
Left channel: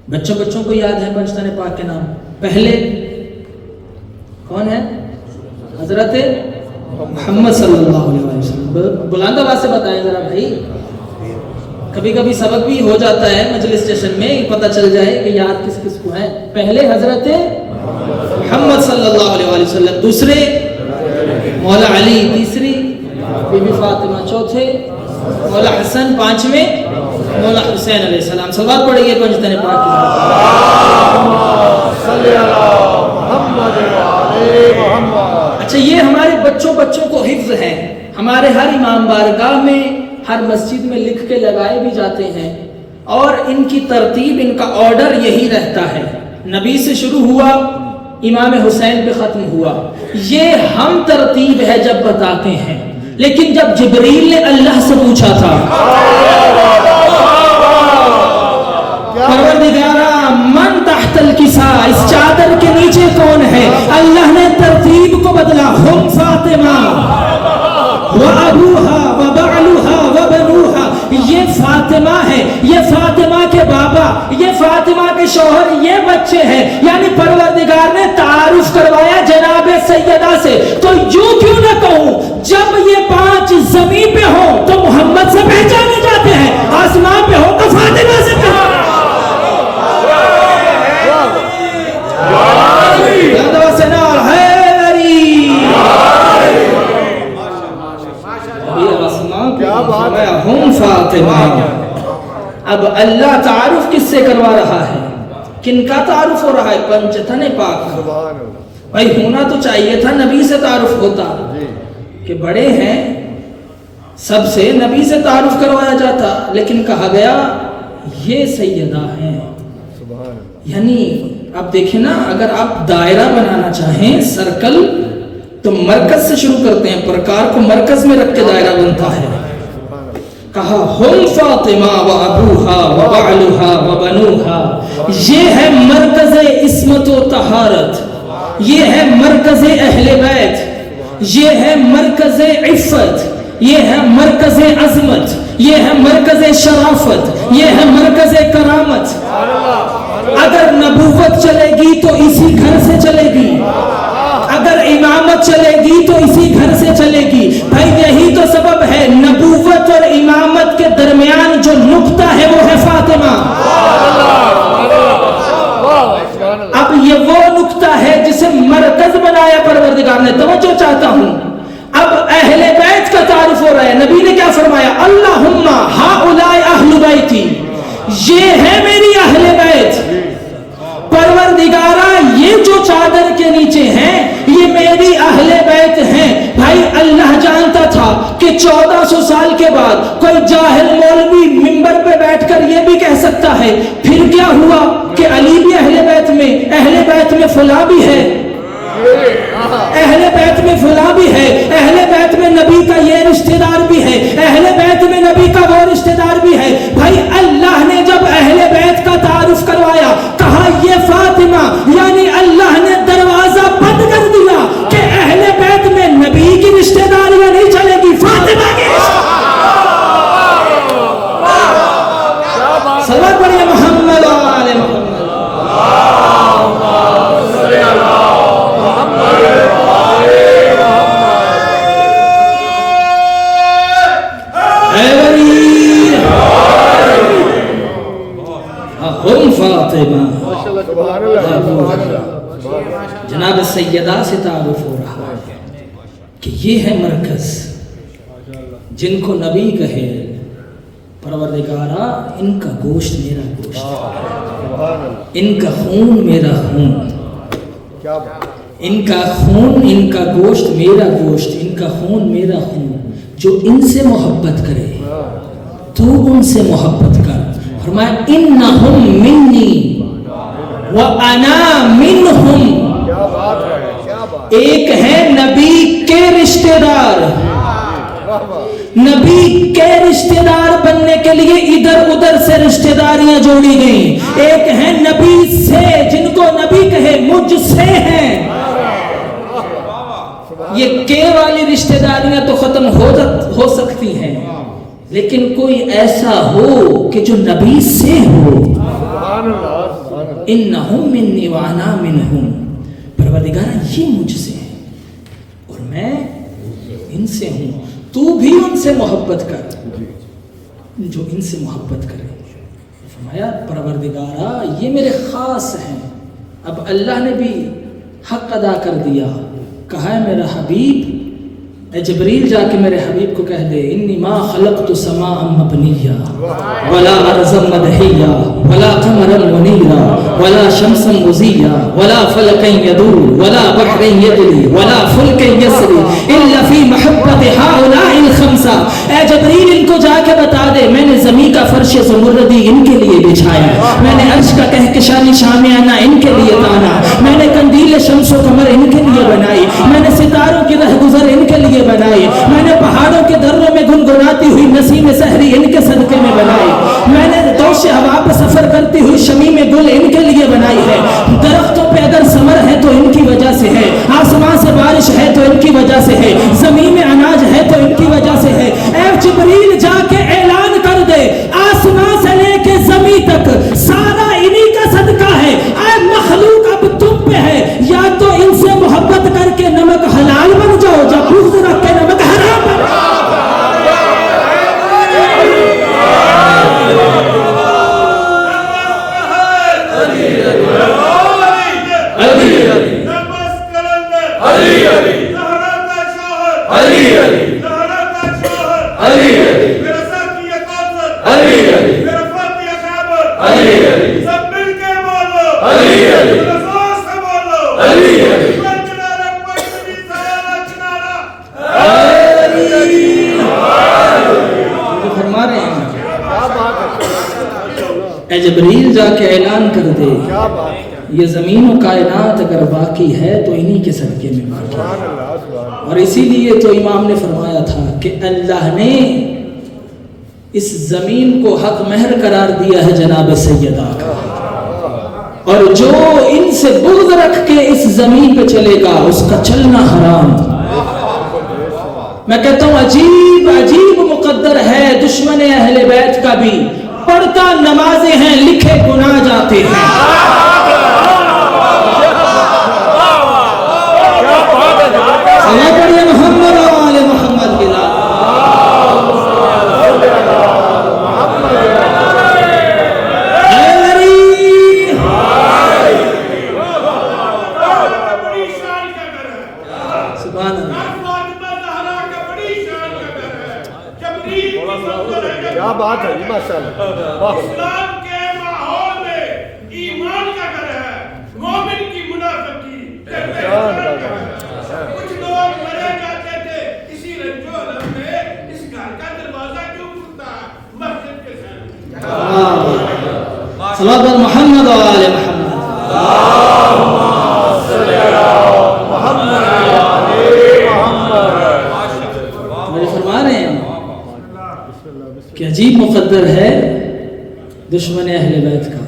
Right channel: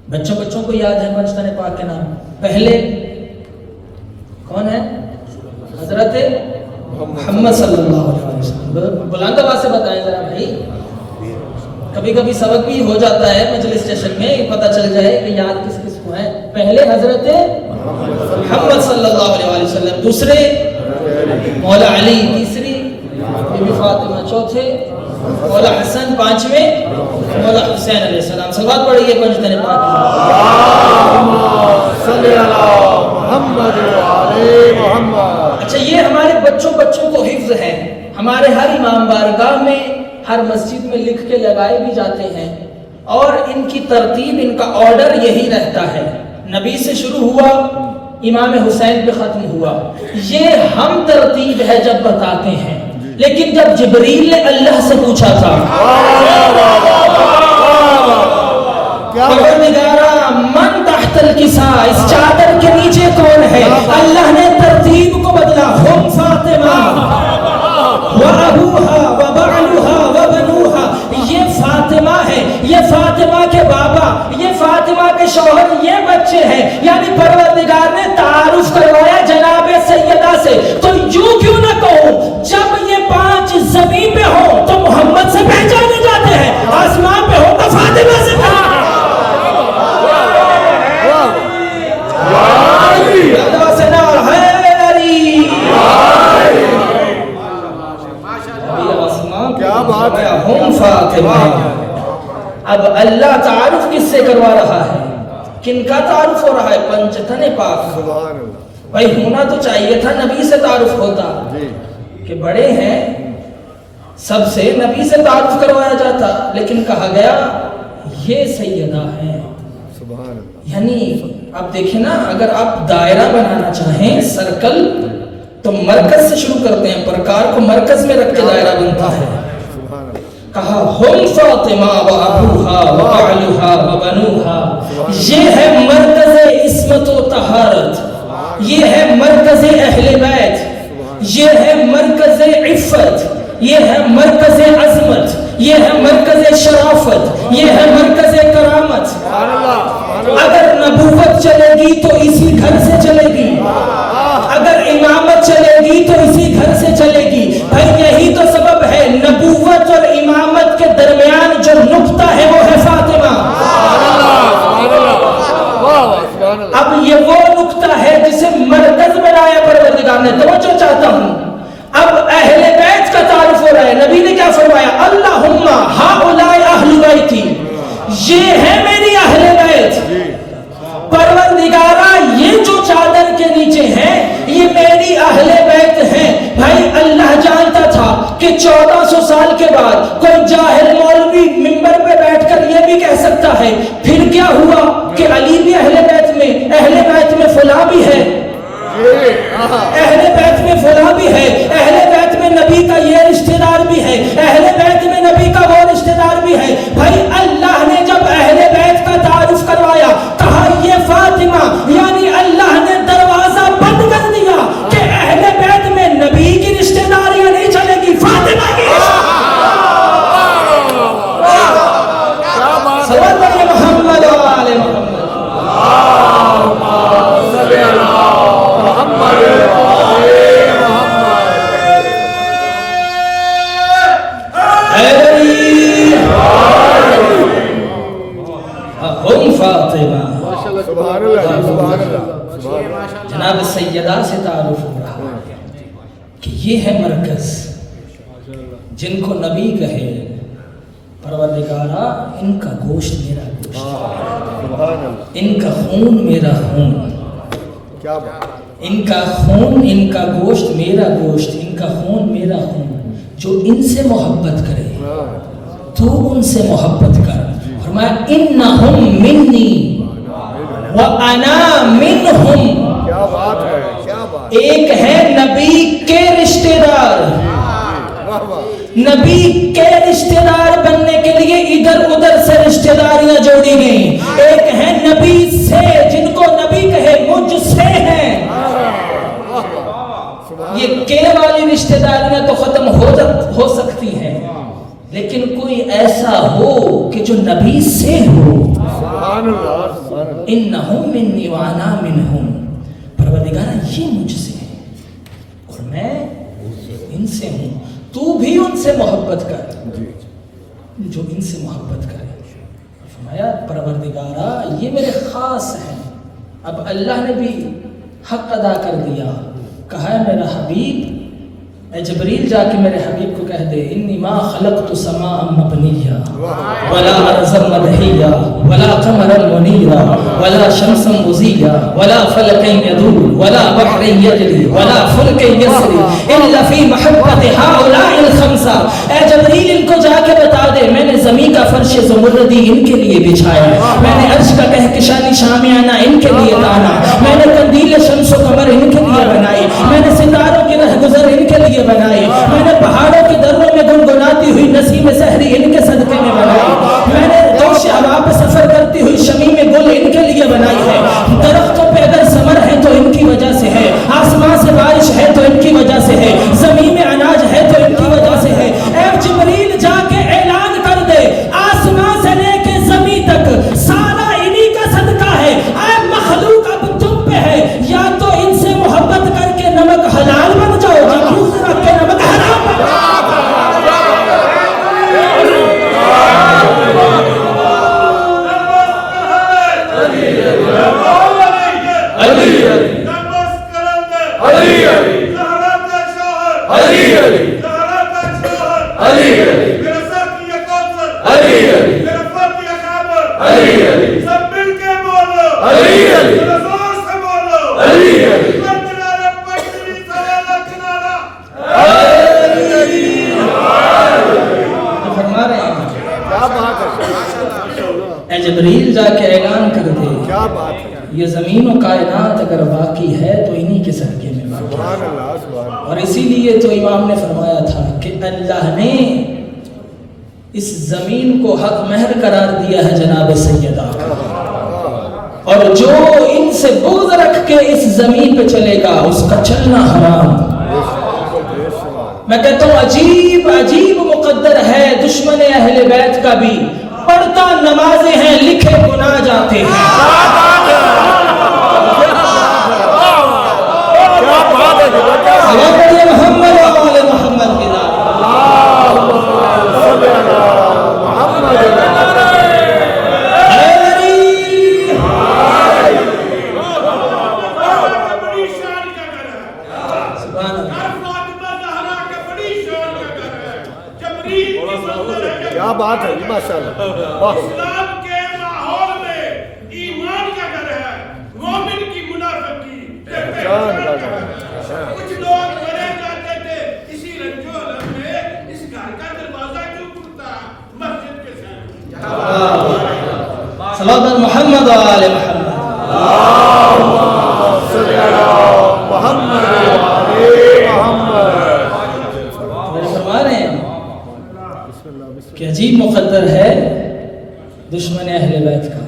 بچوں کو یاد ہے پنجتن پاک کے نام، پہلے کون ہے؟ حضرت محمد صلی اللہ علیہ وسلم۔ بلند آواز سے بتائیں ذرا بھائی، کبھی کبھی سبق بھی ہو جاتا ہے مجلس سیشن میں، پتہ چل جائے کہ یاد کس کو ہے۔ پہلے حضرت محمد صلی اللہ علیہ وسلم، دوسرے مولا علی، تیسری بی بی فاطمہ، چوتھے مولا حسن، پانچویں مولا حسین علیہ السلام۔ صلوات پڑھیے پنجتن پاک صلی اللہ محمد۔ اچھا، یہ ہمارے بچوں کو حفظ ہے، ہمارے ہر امام بارگاہ میں، ہر مسجد میں لکھ کے لگائے بھی جاتے ہیں، اور ان کی ترتیب، ان کا آرڈر یہی رہتا ہے، نبی سے شروع ہوا، امام حسین پہ ختم ہوا۔ یہ ہم ترتیب ہے جب بتاتے ہیں، لیکن جب جبریل نے اللہ سے پوچھا تھا پروردگارا من تحت الکسا، اس چادر کے نیچے کون ہے، اللہ نے ترتیب کو بدلا، ہم فاطمہ وابوہا وبعلوہا وبنوہا، یہ فاطمہ ہے، یہ فاطمہ کے بابا، یہ فاطمہ کے شوہر، یہ بچے ہیں۔ یعنی پروردگار نے تعارف کروایا جناب سیدہ سے، تو یوں کیوں نہ کہوں، جب یہ پانچ زمین پہ ہو تو محمد سے پہچانے جاتے ہیں، آسمان پہ ہو تو فاطمہ سے پہچانے۔ اب اللہ تعارف کس سے کروا رہا ہے، کن کا تعارف ہو رہا ہے؟ پنجتن پاک۔ بھائی ہونا تو چاہیے تھا نبی سے تعارف ہوتا، کہ بڑے ہیں سب سے نبی سے تعارف کروایا جاتا، لیکن کہا گیا یہ سیدہ ہیں۔ یعنی آپ دیکھیں نا، اگر آپ دائرہ بنانا چاہیں، سرکل، تو مرکز سے شروع کرتے ہیں، پرکار کو مرکز میں رکھ کے دائرہ بنتا ہے۔ کہا ہم فاطمہ و ابوہا و بعلوہا و بنوہا، یہ ہے مرکز عصمت و طہارت، یہ ہے مرکز اہل بیت، یہ ہے مرکز عفت، یہ ہے مرکز عظمت، یہ ہے مرکز شرافت، یہ ہے مرکز کرامت۔ اگر نبوت چلے گی تو اسی گھر سے چلے گی، اگر امامت چلے گی تو اسی گھر سے چلے گی۔ بھائی یہی تو سبب ہے، نبوت اور امامت کے درمیان جو نقطہ ہے وہ ہے فاطمہ۔ اب یہ وہ نقطہ ہے جسے مرکز بنایا پروردگار نے۔ توجہ چاہتا ہوں، اب اہل بیت کا تعارف ہو رہا ہے۔ نبی نے کیا فرمایا؟ اللہم ہؤلاء اہل بیتی، یہ ہے میری اہل بیت۔ پروردگارہ یہ جو چادر کے نیچے ہیں یہ میری اہل بیت ہیں۔ بھائی اللہ جانتا تھا کہ 1400 سال کے بعد کوئی جاہل مولوی منبر پہ بیٹھ کر یہ بھی کہہ سکتا ہے، پھر کیا ہوا کہ علی بھی اہل بیت میں فلاں بھی ہے، اہل بیت میں فلاں بھی ہے، اہل بیت میں نبی کا یہ رشتہ دار بھی ہے، اہل بیت میں نبی کا وہ رشتہ دار بھی ہے۔ بھائی اللہ نے جب اہل کہ یہ ہے مرکز جن کو نبی کہے پروردگارا ان کا گوشت میرا گوشت، ان کا خون میرا خون، کیا بات، ان کا خون ان کا گوشت میرا گوشت، ان کا خون میرا خون۔ جو ان سے محبت کرے تو ان سے محبت کر۔ فرمایا انہم منی وانا منہم۔ کیا بات ہے، کیا بات، ایک ہے نبی کے رشتہ دار، واہ واہ، نبی کے رشتہ دار بننے کے لیے ادھر ادھر سے رشتہ داریاں جوڑی گئیں۔ ایک ہے نبی سے، جن کو نبی کہے مجھ سے ہیں۔ یہ کے والی رشتہ داریاں تو ختم ہو سکتی ہیں، لیکن کوئی ایسا ہو کہ جو نبی سے ہو۔ سبحان اللہ، سبحان اللہ، انہم منی وانا منہم۔ پروردگارہ یہ مجھ سے ہے اور میں ان سے ہوں، تو بھی ان سے محبت کر جو ان سے محبت کرے۔ فرمایا پروردگارہ یہ میرے خاص ہیں۔ اب اللہ نے بھی حق ادا کر دیا، کہا ہے میرا حبیب، اے جبریل جا کے میرے حبیب کو کہہ دے انی ما خلقت سماء مبنیہ ولا ارضا مدحیہ ولا قمرا منیرا ولا شمسا مضیہ ولا فلکا یدور ولا بحر یجری ولا فلک یسری الا فی محبت ہؤلاء الخمسہ۔ اے جبریل ان کو جا کے بتا دے میں نے زمین کا فرش زمردی ان کے لیے بچھایا، میں نے عرش کا کہکشانی شامیانہ ان کے لیے تانا، میں نے قندیل شمس و قمر ان کے لیے بنائی، میں نے ستاروں کی رہ گزر ان کے لیے بنائی، میں نے پہاڑوں کے دروں میں گنگناتی ہوئی نسیم سحری ان کے صدقے میں بنائی، میں نے دوش ہوا پہ سفر کرتی ہوئی شمیم گل ان کے لیے بنائی ہے۔ درختوں پہ اگر ثمر ہے تو ان کی وجہ سے ہے، آسمان سے بارش ہے تو ان کی وجہ سے ہے، زمین میں اناج ہے تو ان کی وجہ سے ہے۔ اے جبریل جا کے اعلان کر دے آسمان سے لے کے زمین تک سارا انہی کا صدقہ ہے۔ اے مخلوق اب تم پہ ہے، یا تو ان سے محبت کر کے نمک حلال بن جاؤ، جب بغض رکھ کے نمک حرام بن جاؤ۔ اے جبریل جا کے اعلان کر دے کیا بات، یہ زمین و کائنات اگر باقی ہے تو انہی کے صدقے میں باقی ہے۔ سبحان اللہ، سبحان اللہ، اور اسی لیے تو امام نے فرمایا تھا کہ اللہ نے اس زمین کو حق مہر قرار دیا ہے جناب سیدہ کا، اور جو ان سے بغض رکھ کے اس زمین پہ چلے گا اس کا چلنا حرام۔ میں کہتا ہوں عجیب عجیب مقدر ہے دشمن اہل بیت کا بھی، پڑھتا نمازیں ہیں لکھے گناہ جاتے ہیں۔ صلی پڑھیے محمد و آل محمد کے نام۔ سبحان اللہ، کیا بات ہے، ماشاء اللہ، واہ، اسلام کے ماحول میں ایمان کا گھر ہے، مومن کی منافقی۔ کچھ لوگ مرے جاتے تھے اسی رنجو علم میں، اس گھر کا دروازہ کیوں کھلتا مسجد کے سامنے۔ صلی اللہ محمد و آل محمد۔ میں فرما رہے ہیں کہ عجیب مقدر ہے دشمن اہل بیت کا۔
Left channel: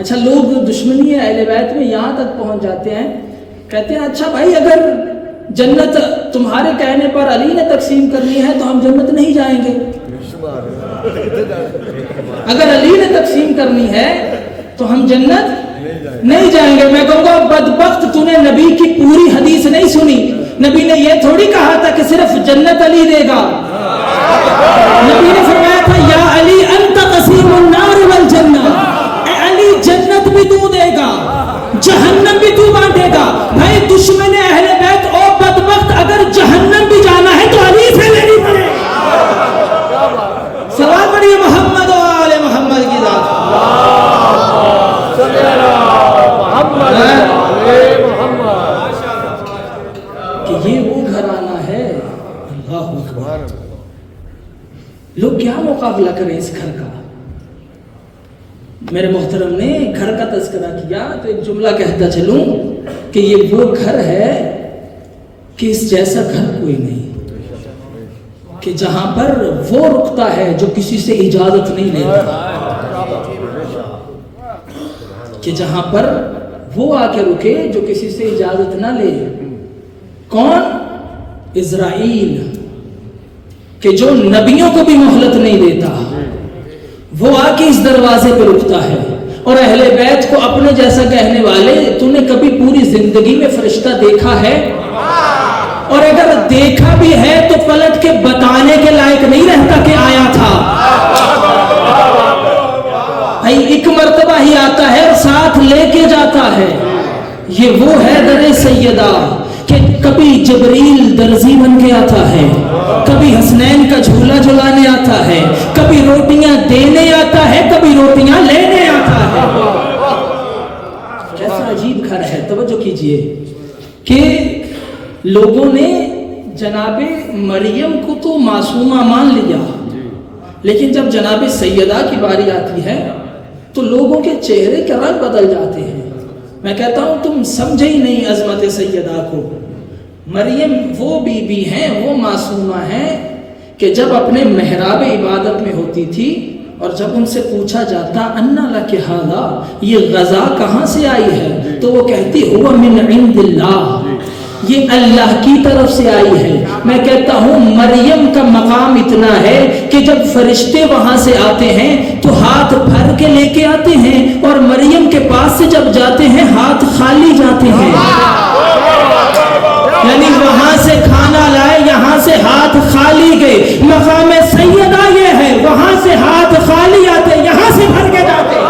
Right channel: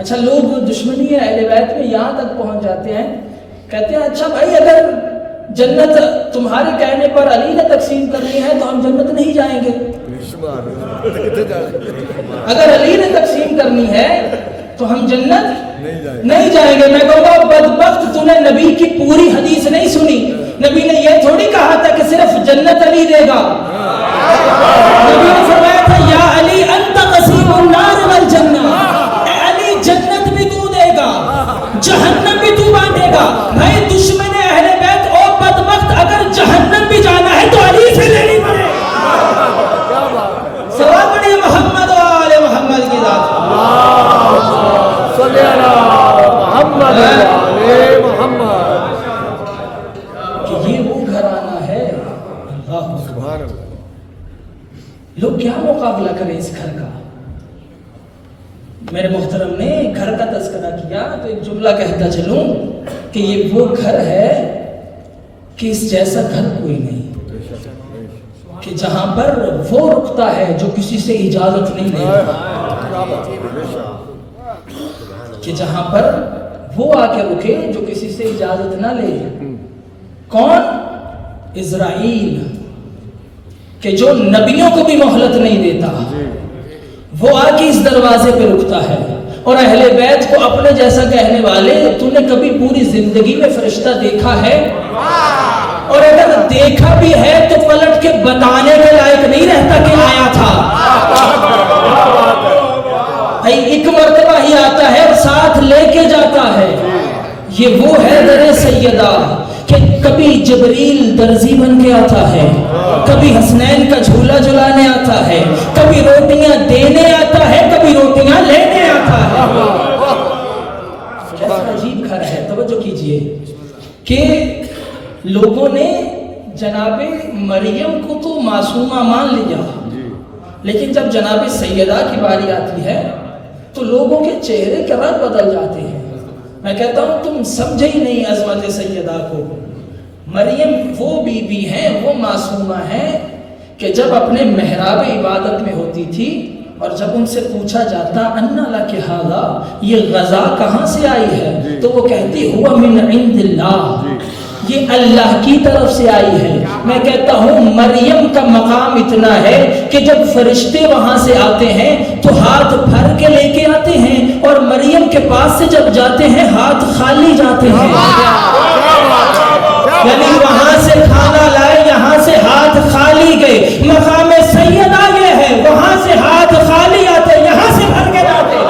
اچھا لوگ دشمنی اہل بیت میں یہاں تک پہنچ جاتے ہیں، کہتے ہیں اچھا بھائی اگر جنت تمہارے کہنے پر علی نے تقسیم کرنی ہے تو ہم جنت نہیں جائیں گے، اگر علی نے تقسیم کرنی ہے تو ہم جنت نہیں جائیں گے۔ میں کہوں گا بدبخت تو نے نبی کی پوری حدیث نہیں سنی، نبی نے یہ تھوڑی کہا تھا کہ صرف جنت علی دے گا، نبی نے فرمایا تھا یا علی انت قسیم النار والجنہ، اے علی جنت بھی تو دے گا جہنم بھی تو بانٹے گا۔ بھائی دشمن اہل بیت او بدبخت اگر جہنم سبحان اللہ لوگ کیا مقابلہ کریں اس گھر کا؟ میرے محترم نے گھر کا تذکرہ کیا تو ایک جملہ کہتا چلوں کہ یہ وہ گھر ہے کہ اس جیسا گھر کوئی نہیں، کہ جہاں پر وہ رکتا ہے جو کسی سے اجازت نہیں لیتا، کہ جہاں پر وہ آ کے رکے جو کسی سے اجازت نہ لے۔ کون؟ اسرائیل، کہ جو نبیوں کو بھی مہلت نہیں دیتا، وہ آ کے اس دروازے پہ رکتا ہے۔ اور اہل بیت کو اپنے جیسا کہنے والے، تم نے کبھی پوری زندگی میں فرشتہ دیکھا ہے؟ اور اگر دیکھا بھی ہے تو پلٹ کے بتانے کے لائق نہیں رہتا کہ آیا تھا۔ ایک مرتبہ ہی آتا ہے اور ساتھ لے کے جاتا ہے۔ یہ وہ ہے در سیدہ کہ کبھی جبریل درزی بن کے آتا ہے، کبھی حسنین کا جھولا جھلانے آتا ہے، کبھی روٹیاں دینے آتا ہے، کبھی روٹیاں لینے آتا ہے۔ کیسا عجیب گھر ہے۔ توجہ کیجئے کہ لوگوں نے جناب مریم کو تو معصومہ مان لیا، لیکن جب جناب سیدہ کی باری آتی ہے تو لوگوں کے چہرے کے رنگ بدل جاتے ہیں۔ میں کہتا ہوں تم سمجھے ہی نہیں عظمت سیدہ کو۔ مریم وہ بی بی ہیں، وہ معصومہ ہیں کہ جب اپنے محراب عبادت میں ہوتی تھی اور جب ان سے پوچھا جاتا انا لک ھذا، یہ غذا کہاں سے آئی ہے، تو وہ کہتی ہوا من عند اللہ، یہ اللہ کی طرف سے آئی ہے۔ میں کہتا ہوں مریم کا مقام اتنا ہے کہ جب فرشتے وہاں سے آتے ہیں تو ہاتھ بھر کے لے کے آتے ہیں، اور مریم کے پاس سے جب جاتے ہیں ہاتھ خالی جاتے ہیں۔ یعنی وہاں سے کھانا لائے، یہاں سے ہاتھ خالی گئے۔ مقام سیدہ یہ ہے، وہاں سے ہاتھ خالی آتے، یہاں سے بھر کے جاتے۔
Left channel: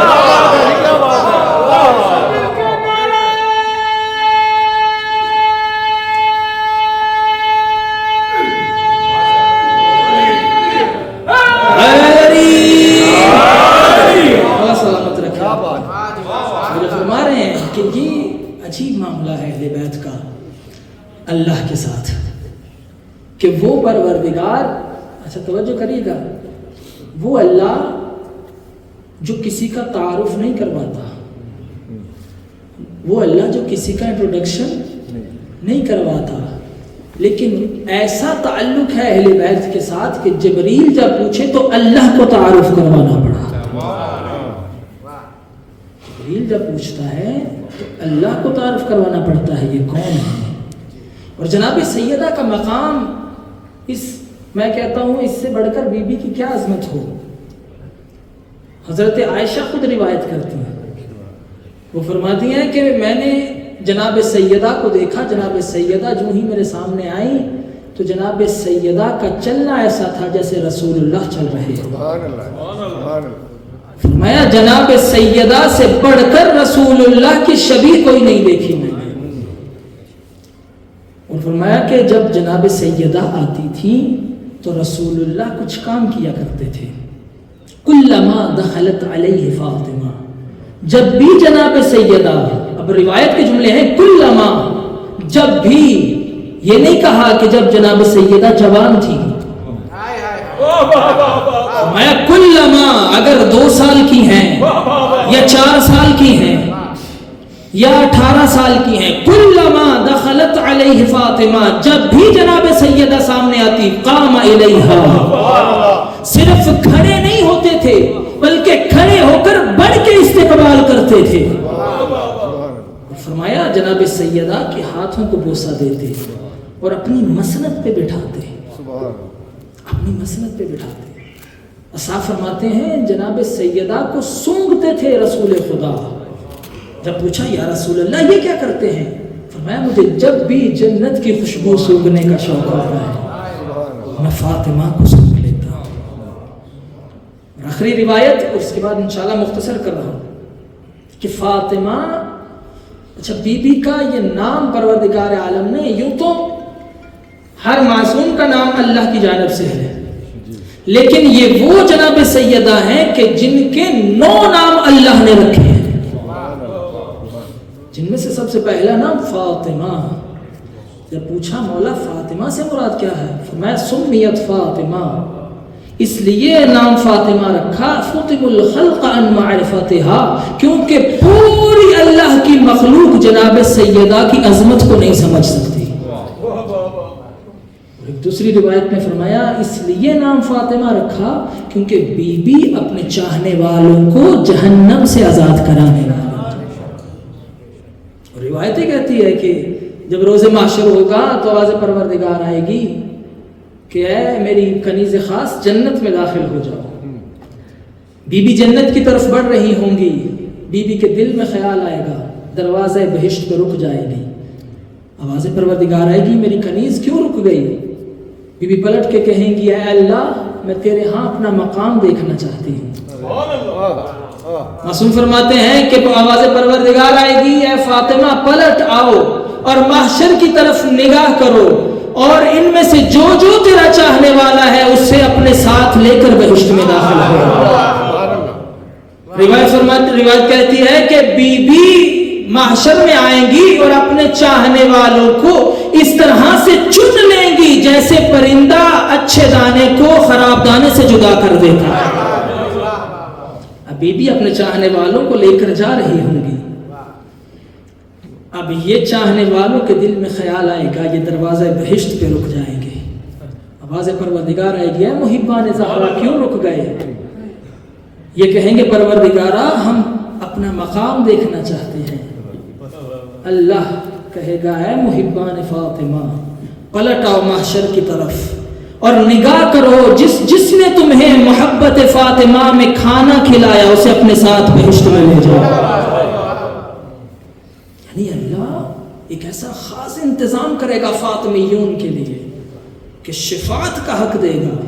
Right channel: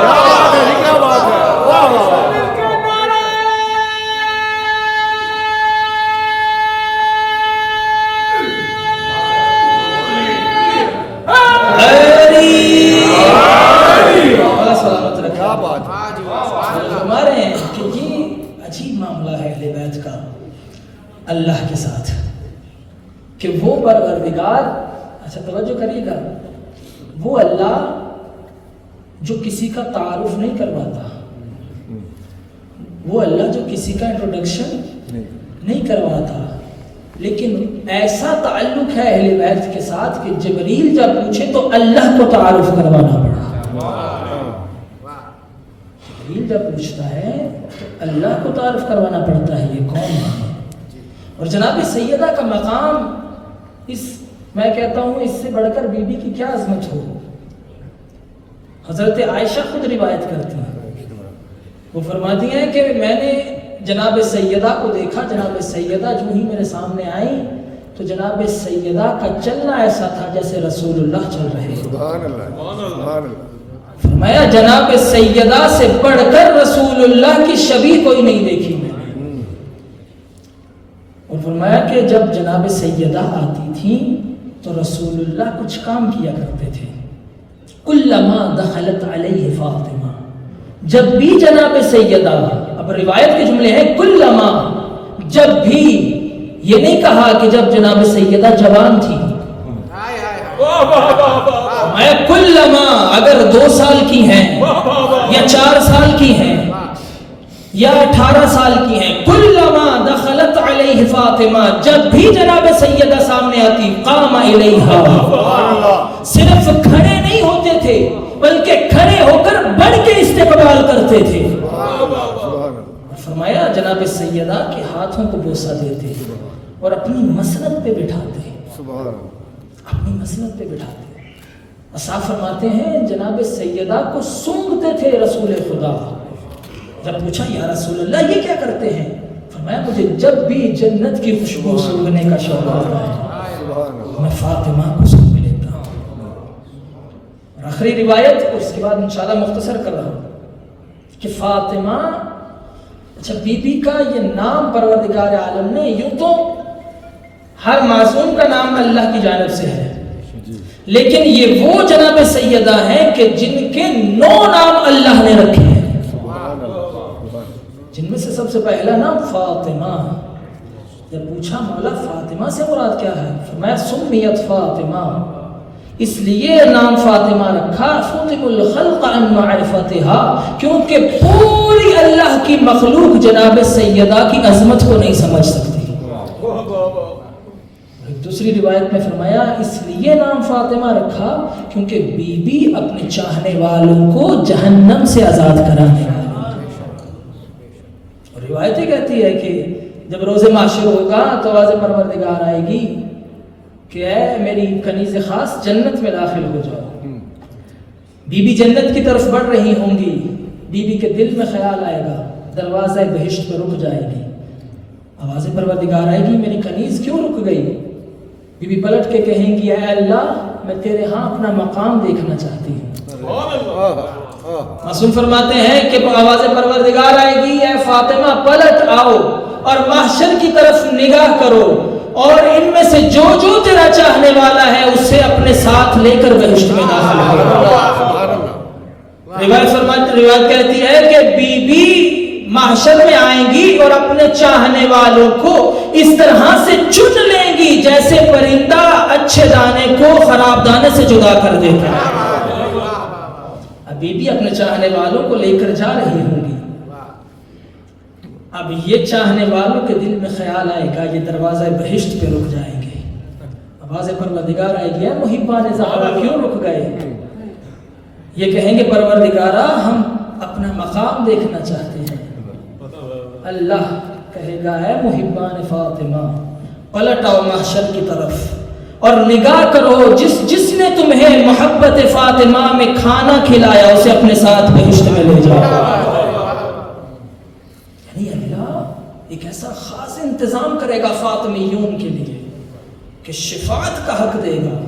اللہ کے ساتھ کہ وہ پروردگار، اچھا توجہ کریے گا، وہ اللہ جو کسی کا تعارف نہیں کرواتا، وہ اللہ جو کسی کا انٹروڈکشن نہیں کرواتا، لیکن ایسا تعلق ہے اہل بیت کے ساتھ کہ جبریل جب پوچھے تو اللہ کو تعارف کروانا پڑا۔ جبریل جب پوچھتا ہے تو اللہ کو تعارف کروانا پڑتا ہے یہ کون ہے۔ اور جناب سیدہ کا مقام، اس میں کہتا ہوں اس سے بڑھ کر بی بی کی کیا عظمت ہو۔ حضرت عائشہ خود روایت کرتی ہیں، وہ فرماتی ہیں کہ میں نے جناب سیدہ کو دیکھا، جناب سیدہ جو ہی میرے سامنے آئی تو جناب سیدہ کا چلنا ایسا تھا جیسے رسول اللہ چل رہے۔ فرمایا جناب سیدہ سے بڑھ کر رسول اللہ کی شبیہ کوئی نہیں دیکھی میں نے۔ اور فرمایا کہ جب جناب سیدہ آتی تھی تو رسول اللہ کچھ کام کیا کرتے تھے۔ کلما دخلت علیہ فاطمہ، جب بھی جناب سیدہ، اب روایت کے جملے ہیں کلما، جب بھی، یہ نہیں کہا کہ جب جناب سیدہ جوان تھی، میں کلما، اگر 2 سال کی ہیں یا 4 سال کی ہیں یا 18 سال کی ہیں، کلما دخلت علیہ فاطمہ، جب بھی جناب سیدہ سامنے آتی، قام الیہا، صرف کھڑے نہیں ہوتے تھے بلکہ کھڑے ہو کر بڑھ کے استقبال کرتے تھے۔ فرمایا جناب سیدہ کے ہاتھوں کو بوسہ دیتے اور اپنی مسند پہ بٹھاتے، اپنی مسند پہ بٹھاتے۔ صاحب فرماتے ہیں جناب سیدہ کو سونگتے تھے رسول خدا۔ جب پوچھا یا رسول اللہ یہ کیا کرتے ہیں؟ فرمایا مجھے جب بھی جنت کی خوشبو سونگنے کا شوق ہوتا ہے میں فاطمہ کو سونگ لیتا ہوں۔ اور آخری روایت، اور اس کے بعد انشاءاللہ مختصر کر رہا ہوں کہ فاطمہ، اچھا بی بی کا یہ نام پروردگار عالم نے، یوں تو ہر معصوم کا نام اللہ کی جانب سے ہے، لیکن یہ وہ جناب سیدہ ہیں کہ جن کے 9 نام اللہ نے رکھے ہیں، جن میں سے سب سے پہلا نام فاطمہ، جب پوچھا مولا فاطمہ سے مراد کیا ہے؟ فرمایا سمیت فاطمہ، اس لیے نام فاطمہ رکھا فطب الخلق عن معرفتها، کیونکہ پوری اللہ کی مخلوق جناب سیدہ کی عظمت کو نہیں سمجھ سکتی۔ دوسری روایت میں فرمایا اس لیے نام فاطمہ رکھا کیونکہ بی بی اپنے چاہنے والوں کو جہنم سے آزاد کرانے والی۔ روایتیں کہتی ہے کہ جب روز محشر ہوگا تو آواز پروردگار آئے گی کہ اے میری کنیز خاص جنت میں داخل ہو جاؤ۔ بی بی جنت کی طرف بڑھ رہی ہوں گی، بی بی کے دل میں خیال آئے گا، دروازہ بہشت پہ رک جائے گی، آواز پروردگار آئے گی میری کنیز کیوں رک گئی؟ بی بی پلٹ کے کہیں گی اے اللہ میں تیرے ہاں اپنا مقام دیکھنا چاہتی ہوں۔ معصوم فرماتے ہیں کہ آواز پروردگار آئے گی اے فاطمہ پلٹ آؤ اور محشر کی طرف نگاہ کرو اور ان میں سے جو جو تیرا چاہنے والا ہے اسے اپنے ساتھ لے کر بہشت میں داخل ہو۔ روایت کہتی ہے کہ بی بی محشر میں آئیں گی اور اپنے چاہنے والوں کو اس طرح سے چن لیں گی جیسے پرندہ اچھے دانے کو خراب دانے سے جدا کر دیتا ہے۔ ابھی بھی اپنے چاہنے والوں کو لے کر جا رہی ہوں گی۔ اب یہ چاہنے والوں کے دل میں خیال آئے گا یہ دروازہ بہشت پہ رک جائیں گے، آواز پروردگار آئے گی اے محبان زہرا کیوں رک گئے؟ یہ کہیں گے پروردگارا ہم اپنا مقام دیکھنا چاہتے ہیں۔ اللہ کہے گا اے محبان فاطمہ پلٹ آؤ محشر کی طرف اور نگاہ کرو جس نے تمہیں محبت فاطمہ میں کھانا کھلایا اسے اپنے ساتھ بہشت میں لے جاؤ۔ یعنی اللہ ایک ایسا خاص انتظام کرے گا فاطمیون کے لیے کہ شفاعت کا حق دے گا،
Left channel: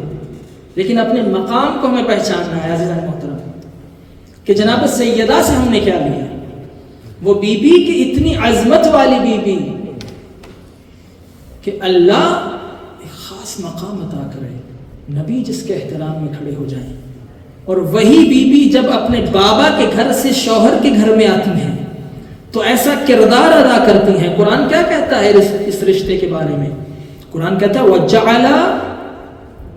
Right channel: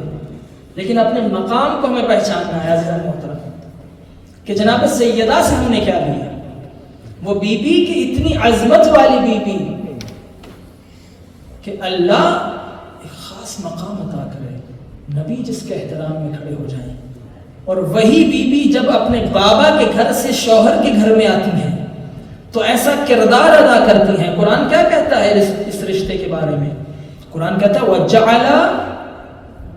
لیکن اپنے مقام کو میں پہچاننا ہے عزیزان محترم کہ جناب سیدہ سے ہم نے کیا لیا، وہ بی بی کی اتنی عظمت والی بی بی کہ اللہ ایک خاص مقام عطا کرے، نبی جس کے احترام میں کھڑے ہو جائیں، اور وہی بی بی جب اپنے بابا کے گھر سے شوہر کے گھر میں آتی ہیں تو ایسا کردار ادا کرتی ہیں۔ قرآن کیا کہتا ہے اس رشتے کے بارے میں؟ قرآن کہتا ہے وَجَعَلَ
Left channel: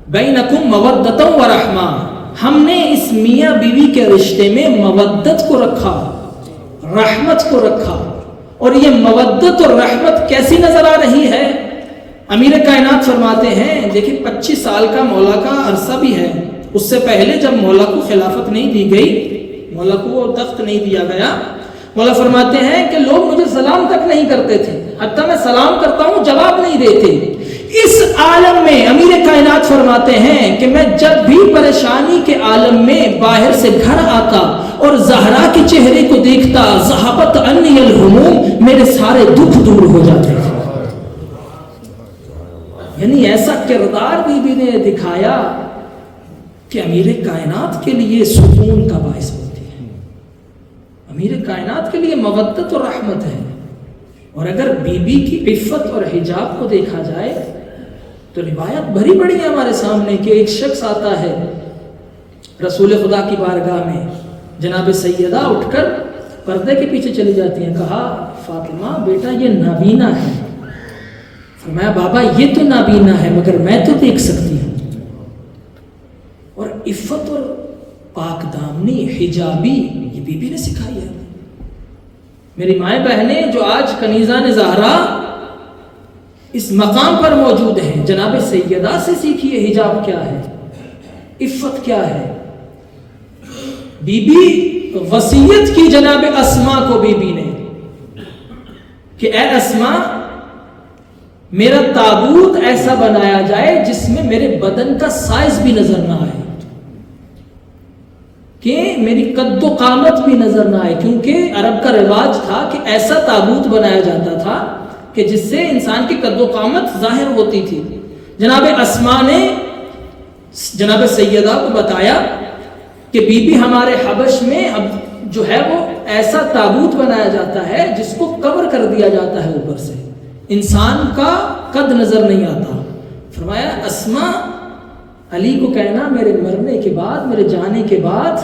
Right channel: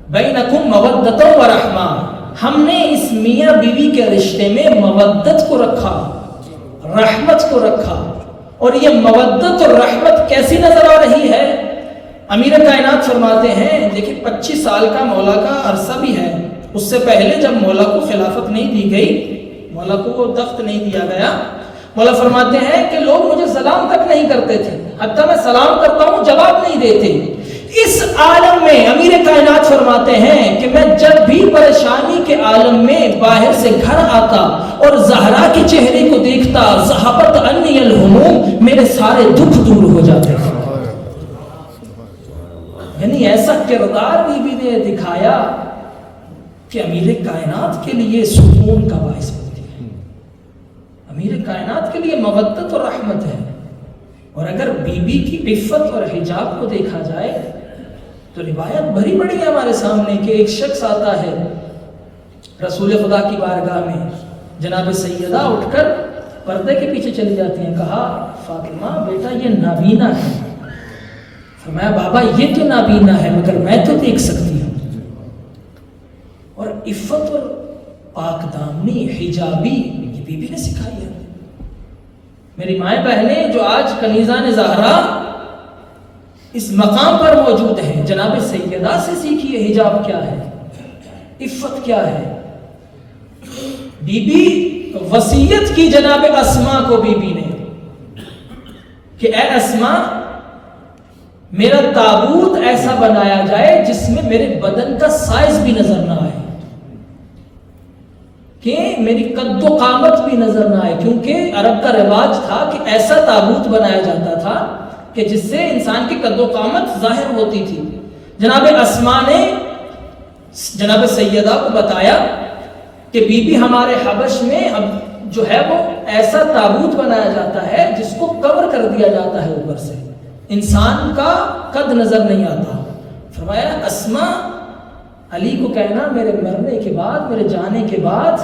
بَيْنَكُمْ مَوَدَّةً وَرَحْمَةً، ہم نے اس میاں بیوی کے رشتے میں مودت کو رکھا، رحمت کو رکھا۔ اور یہ مودت اور رحمت کیسی نظر آ رہی ہے؟ امیر کائنات فرماتے ہیں دیکھیں 25 سال کا مولا کا عرصہ بھی ہے، اس سے پہلے جب مولا کو خلافت نہیں دی گئی، مولا کو تخت نہیں دیا گیا، مولا فرماتے ہیں کہ لوگ مجھے سلام تک نہیں کرتے تھے، حتیٰ میں سلام کرتا ہوں جواب نہیں دیتے۔ اس عالم میں امیر کائنات فرماتے ہیں کہ میں جب بھی پریشانی کے عالم میں باہر سے گھر آتا اور زہرا کے چہرے کو دیکھتا ذہبت عنی الہموم، میرے سارے دکھ دور ہو جاتے تھے۔ یعنی ایسا کردار بی بی نے دکھایا کہ امیر کائنات کے لیے سکون کا باعث بنتی ہے، امیر کائنات کے لیے مودت اور رحمت ہے۔ اور اگر بی بی کی عفت اور حجاب کو دیکھا جائے تو روایت بھری پڑی ہے ہمارے سامنے کہ ایک شخص آتا ہے رسول خدا کی بارگاہ میں، جناب سیدہ اٹھ کر پردے کے پیچھے چلی جاتی ہیں، کہا فاطمہ بیٹا یہ نابینا ہے۔ فرمایا بابا یہ تو نابینا ہے مگر میں تو دیکھ سکتی ہوں۔ اور عفت اور پاک دامنی حجابی یہ بی بی نے سکھائی ہے۔ میری مائیں بہنیں جو آج کنیزان زہرا اس مقام پر موجود ہیں، جناب سیدہ سے سیکھیے حجاب کیا ہے، عفت کیا ہے۔ بی بی وصیت کی جناب اسماء کو بی بی نے کہ اے اسماء میرا تابوت ایسا بنایا جائے جس میں میرے بدن کا سائز بھی نظر نہ آئے، کہ میری قد و قامت بھی نظر نہ آئے، کیونکہ عرب کا رواج تھا کہ ایسا تابوت بنایا جاتا تھا کہ جس سے انسان کی قد و قامت ظاہر ہوتی تھی۔ جناب اسماء نے جناب سیدہ کو بتایا کہ بی بی ہمارے حبش میں اب جو ہے وہ ایسا تابوت بنایا جاتا ہے جس کو کور کر دیا جاتا ہے اوپر سے، انسان کا قد نظر نہیں آتا۔ فرمایا اسماء علی کو کہنا میرے مرنے کے بعد، میرے جانے کے بعد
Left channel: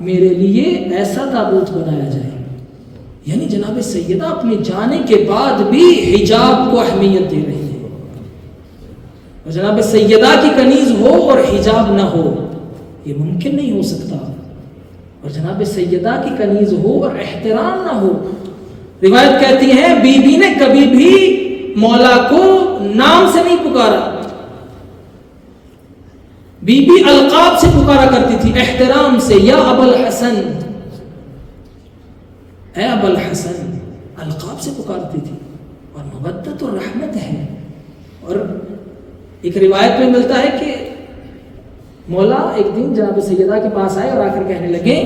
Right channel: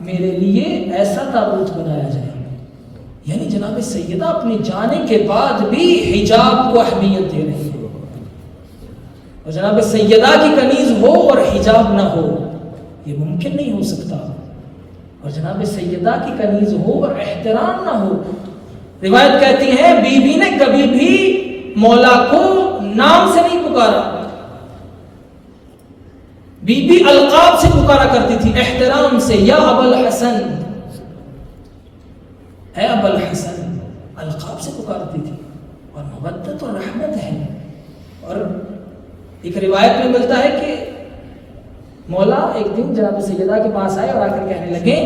میرے لیے ایسا تابوت بنایا جائے۔ یعنی جناب سیدہ اپنے جانے کے بعد بھی حجاب کو اہمیت دے رہی ہے، اور جناب سیدہ کی کنیز ہو اور حجاب نہ ہو یہ ممکن نہیں ہو سکتا، اور جناب سیدہ کی کنیز ہو اور احترام نہ ہو۔ روایت کہتی ہے بی بی نے کبھی بھی مولا کو نام سے نہیں پکارا، بی بی القاب سے پکارا کرتی تھی، احترام سے، یا ابو الحسن، اے ابو الحسن، القاب سے پکارتی تھی، اور مودت اور رحمت ہے۔ اور ایک روایت میں ملتا ہے کہ مولا ایک دن جناب سیدہ کے پاس آئے اور آ کر کہنے لگے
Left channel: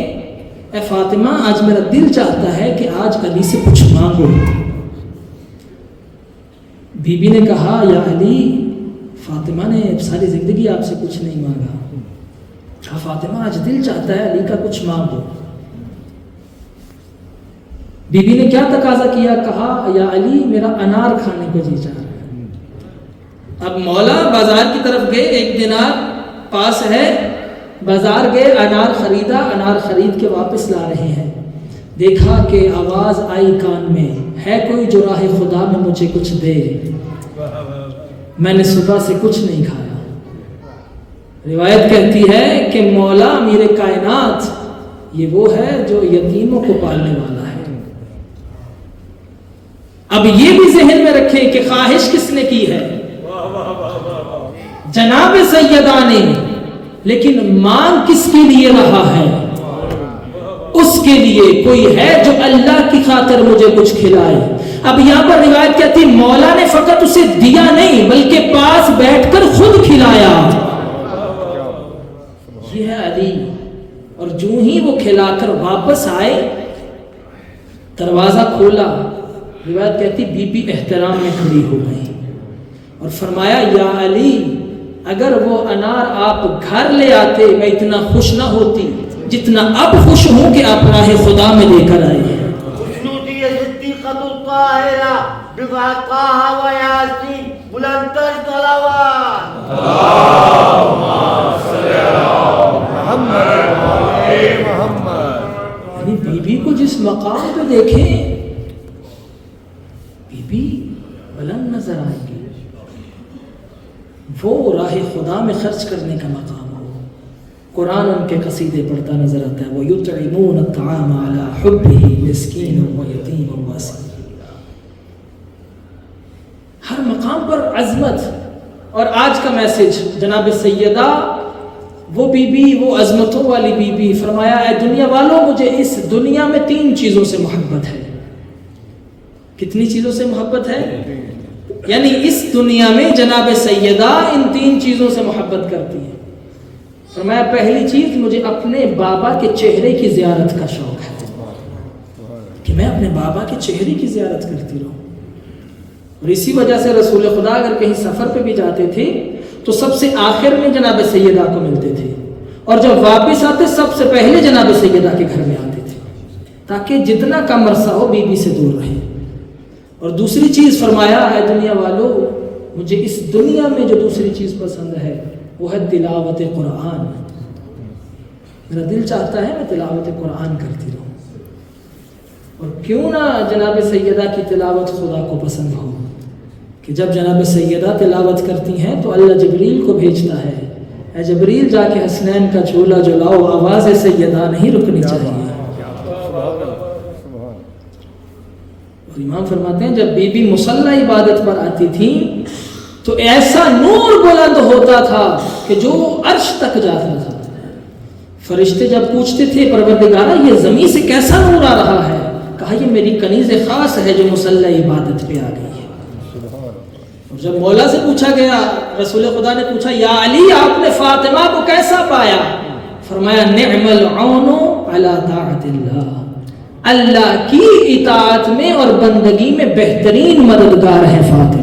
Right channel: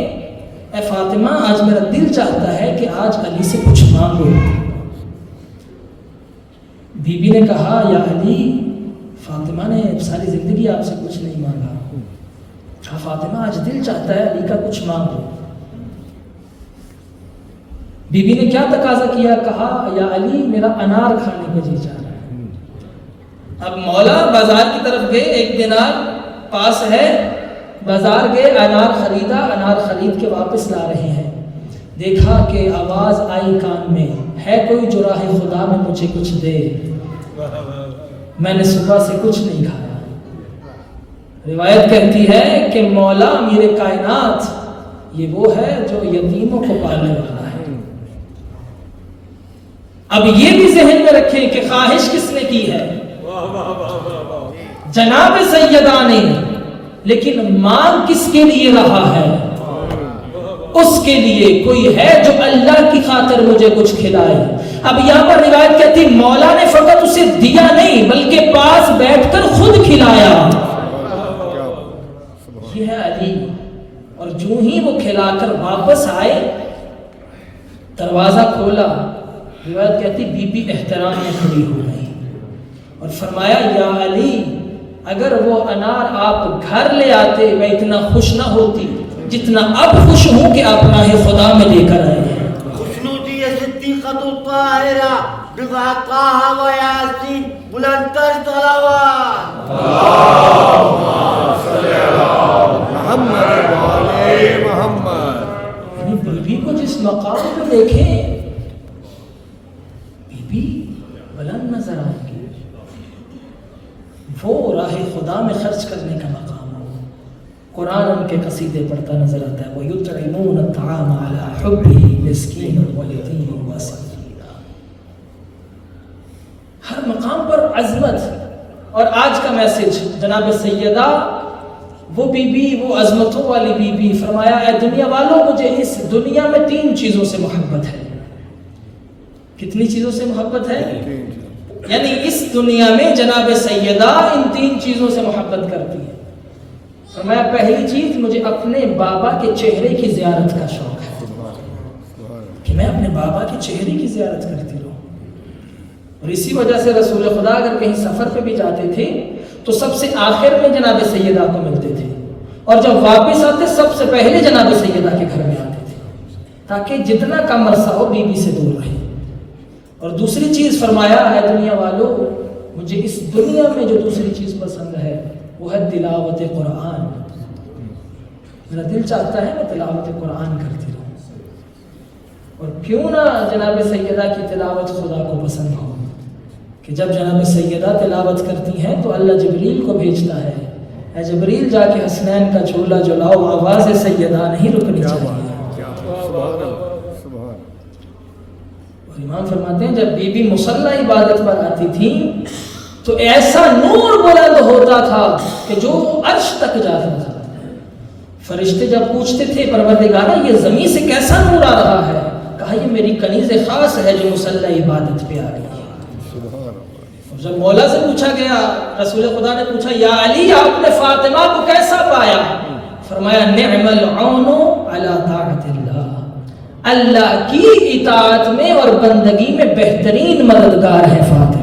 اے فاطمہ آج میرا دل چاہتا ہے کہ آج علی سے کچھ مانگو۔ بی بی نے کہا یا علی، فاطمہ نے ساری زندگی آپ سے کچھ نہیں مانگا، کہا فاطمہ آج دل چاہتا ہے علی کا کچھ مانگو۔ بی بی نے کیا تقاضا کیا؟ کہا یا علی میرا انار کھانے کو جی چاہ رہا ہے۔ اب مولا بازار کی طرف گئے، ایک دینار پاس ہے، بازار گئے، انار خریدا، انار خرید کے واپس لا رہے ہیں، دیکھا کہ آواز آئی کان میں، ہے کوئی جو راہ خدا میں مجھے کچھ دے، میں نے صبح سے کچھ نہیں کھایا۔ روایت کہتی ہے کہ مولا امیر کائنات یہ وہ ہے جو یتیموں کو پالنے والا ہے۔ اب یہ بھی ذہن میں رکھیں کہ خواہش کس نے کی ہے؟ جناب سیدہ نے، لیکن مانگ کس کے لیے رہا ہے؟ اس کے لیے کوئی ہے جو اللہ کی خاطر مجھے کچھ کھلائے۔ اب یہاں پر روایت کہتی مولا نے فقط اسے دیا نہیں بلکہ پاس بیٹھ کر خود کھلایا۔ یہ ہے علی۔ اور جو ہی وہ کھلا کر واپس آئے، دروازہ کھولا، روایت کہتی بی بی احترام میں کھڑی ہو گئی اور فرمایا یا علی اگر وہ انار آپ گھر لے آتے میں اتنا خوش نہ ہوتی جتنا اب خوش ہوں کہ آپ راہ خدا میں لے کر آئے ہیں۔ یعنی بی بی کو جس مقام پہ دیکھیں، بی بی بلند نظر آئے گی، وہ راہ خدا میں خرچ کرنے کا مقام ہو۔ قرآن ان کے قصیدے پڑھتا نظر آتا ہے وَيُطْعِمُونَ الطَّعَامَ عَلَىٰ حُبِّهِ مِسْكِينًا وَيَتِيمًا وَأَسِيرًا۔ ہر مقام پر عظمت۔ اور آج کا میسج جناب سیدہ وہ بی بی، وہ عظمتوں والی بی بی، فرمایا اے دنیا والوں مجھے اس دنیا میں 3 چیزوں سے محبت ہے۔ کتنی چیزوں سے محبت ہے؟ یعنی اس دنیا میں جناب سیدہ ان 3 چیزوں سے محبت کرتی ہے۔ فرمایا پہلی چیز مجھے اپنے بابا کے چہرے کی زیارت کا شوق ہے کہ میں اپنے بابا کے چہرے کی زیارت کرتی رہوں، اور اسی وجہ سے رسول خدا اگر کہیں سفر پہ بھی جاتے تھے تو سب سے آخر میں جناب سیدہ کو ملتے تھے، اور جب واپس آتے سب سے پہلے جناب سیدہ کے گھر میں آتے تھے تاکہ جتنا کم عرصہ ہو بی بی سے دور رہے۔ اور دوسری چیز فرمایا اے دنیا والو مجھے اس دنیا میں جو دوسری چیز پسند ہے وہ ہے تلاوت قرآن۔ میرا دل چاہتا ہے میں تلاوت قرآن کرتی رہوں، اور کیوں نہ جناب سیدہ کی تلاوت خدا کو پسند ہو کہ جب جناب سیدہ تلاوت کرتی ہیں تو اللہ جبریل کو بھیجتا ہے اے جبریل جا کے حسنین کا جھولا جلاؤ، آواز سیدہ نہیں رکنی چاہیے۔ اور امام فرماتے ہیں جب بی بی مصلی عبادت پر آتی تھی تو ایسا نور بلند ہوتا تھا کہ جو عرش تک جاتا تھا۔ فرشتے جب پوچھتے تھے پروردگارہ یہ زمین سے کیسا نور آ رہا ہے، کہا یہ میری کنیز خاص ہے جو مصلی عبادت پہ آ گئی ہے۔ اور جب مولا سے پوچھا گیا، رسول خدا نے پوچھا یا علی آپ نے فاطمہ کو کیسا پایا؟ فرمایا نعم العون علی طاعت اللہ، اللہ کی اطاعت میں اور بندگی میں بہترین مددگار ہے فاطمہ۔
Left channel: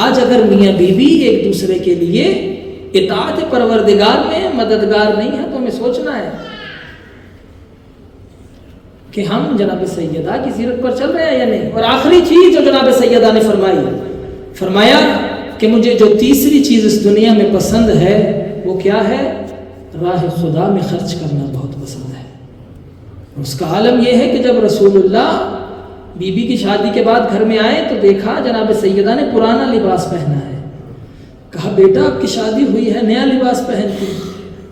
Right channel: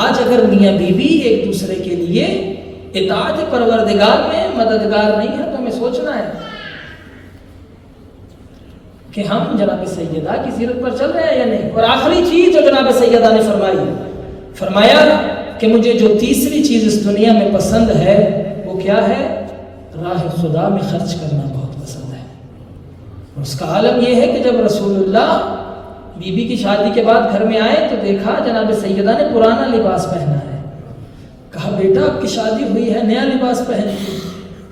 آج اگر میاں بی بی ایک دوسرے کے لیے اطاعت پروردگار میں مددگار نہیں ہے تو ہمیں سوچنا ہے کہ ہم جناب سیدہ کی سیرت پر چل رہے ہیں یا نہیں۔ اور آخری چیز جو جناب سیدہ نے فرمایا کہ مجھے جو تیسری چیز اس دنیا میں پسند ہے وہ کیا ہے؟ راہ خدا میں خرچ کرنا بہت پسند ہے۔ اس کا عالم یہ ہے کہ جب رسول اللہ بی بی کی شادی کے بعد گھر میں آئے تو دیکھا جناب سیدہ نے پرانا لباس پہنا ہے. کہا بیٹا آپ کی شادی ہوئی ہے, نیا لباس پہنتی.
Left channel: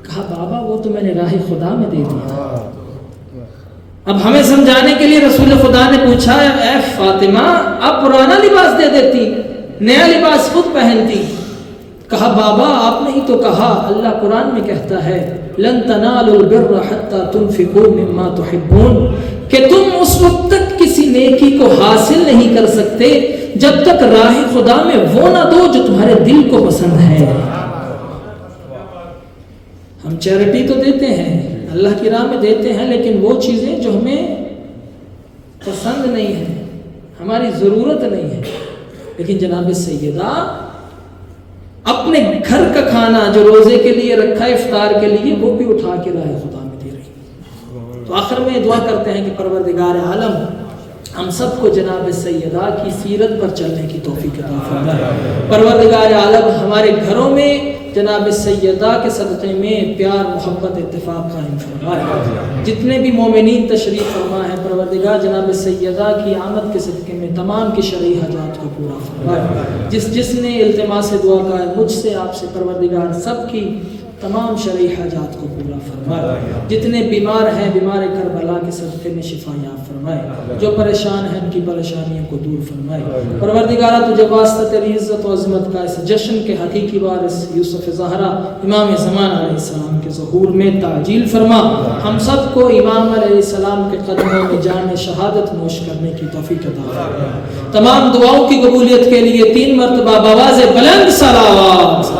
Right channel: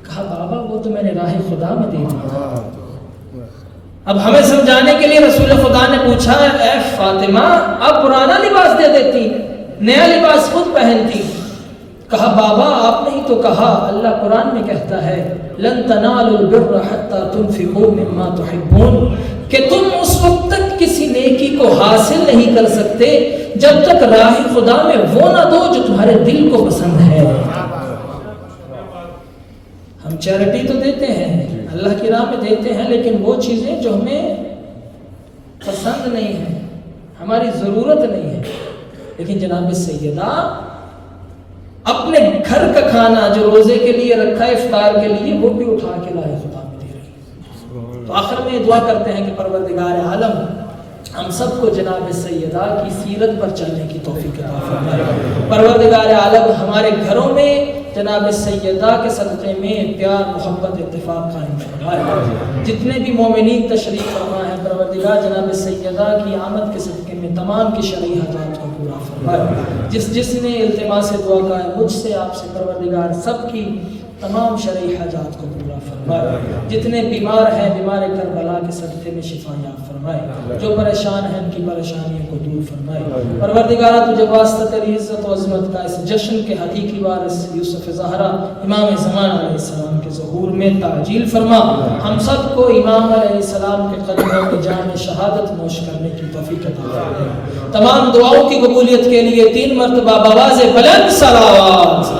کہا بابا وہ تو میں نے راہ خدا میں دے دیا. اب ہمیں سمجھانے کے لیے رسول خدا نے پوچھا اے فاطمہ آپ پرانا لباس دے دیتی, نیا لباس خود پہنتی. کہا بابا آپ نے ہی تو کہا, اللہ قرآن میں کہتا ہے لن تنالوا البر حتى تنفقوا مما تحبون, کہ تم اس وقت تک کسی نیکی کو حاصل نہیں کر سکتے جب تک راہ خدا میں وہ نہ دو جو تمہارے دل کو پسند ہے. ہم چیریٹی تو دیتے ہیں, اللہ کی راہ میں دیتے ہیں, لیکن وہ چیزیں جو ہمیں پسند نہیں ہیں, ہماری ضرورت نہیں ہے. لیکن جناب سیدہ اپنے گھر کا کھانا جو روزے کے لیے رکھا ہے افطار کے لیے وہ بھی اٹھا کے راہ خدا میں دے رہی. تو آخر میں دعا کرتے ہیں کہ پروردگار عالم ہم سب کو جناب سیدہ کی سیرت پر چلنے کی توفیق عطا فرمائے. پروردگار عالم ہمارے گھروں میں جناب سیدہ کے صدقے میں پیار محبت اتفاق قائم فرمائے. جتنے بھی مومنین تشریف فرما ہے پروردگار جناب سیدہ کی آمد کے صدقے میں تمام کی شرعی حاجات کو پورا فرمائے. جس نے التماس دعا کا ہے مجھ سے آپ سے پروردگار سب کی تمام شرعی حاجات کو پورا فرمائے. جتنے بیمار ہیں بیمار کربلا کے صدقے میں شفا یاب فرمائے. جو پریشان ہیں ان کی پریشانیوں کو دور فرمائے. پروردگارہ تجھے واسطہ تیری عزت و عظمت کا اس جشن کے حقیقی وارث یوسف زہرا امام زمان علیہ السلام کے ظہور میں تعجیل فرما. ہم سب کو امام علیہ السلام کے قدموں میں جام شہادت نوش کرنے کی توفیق عطا فرمائے. تمام دعاؤں کی قبولیت کے لیے 3 مرتبہ بآواز بلند صلوات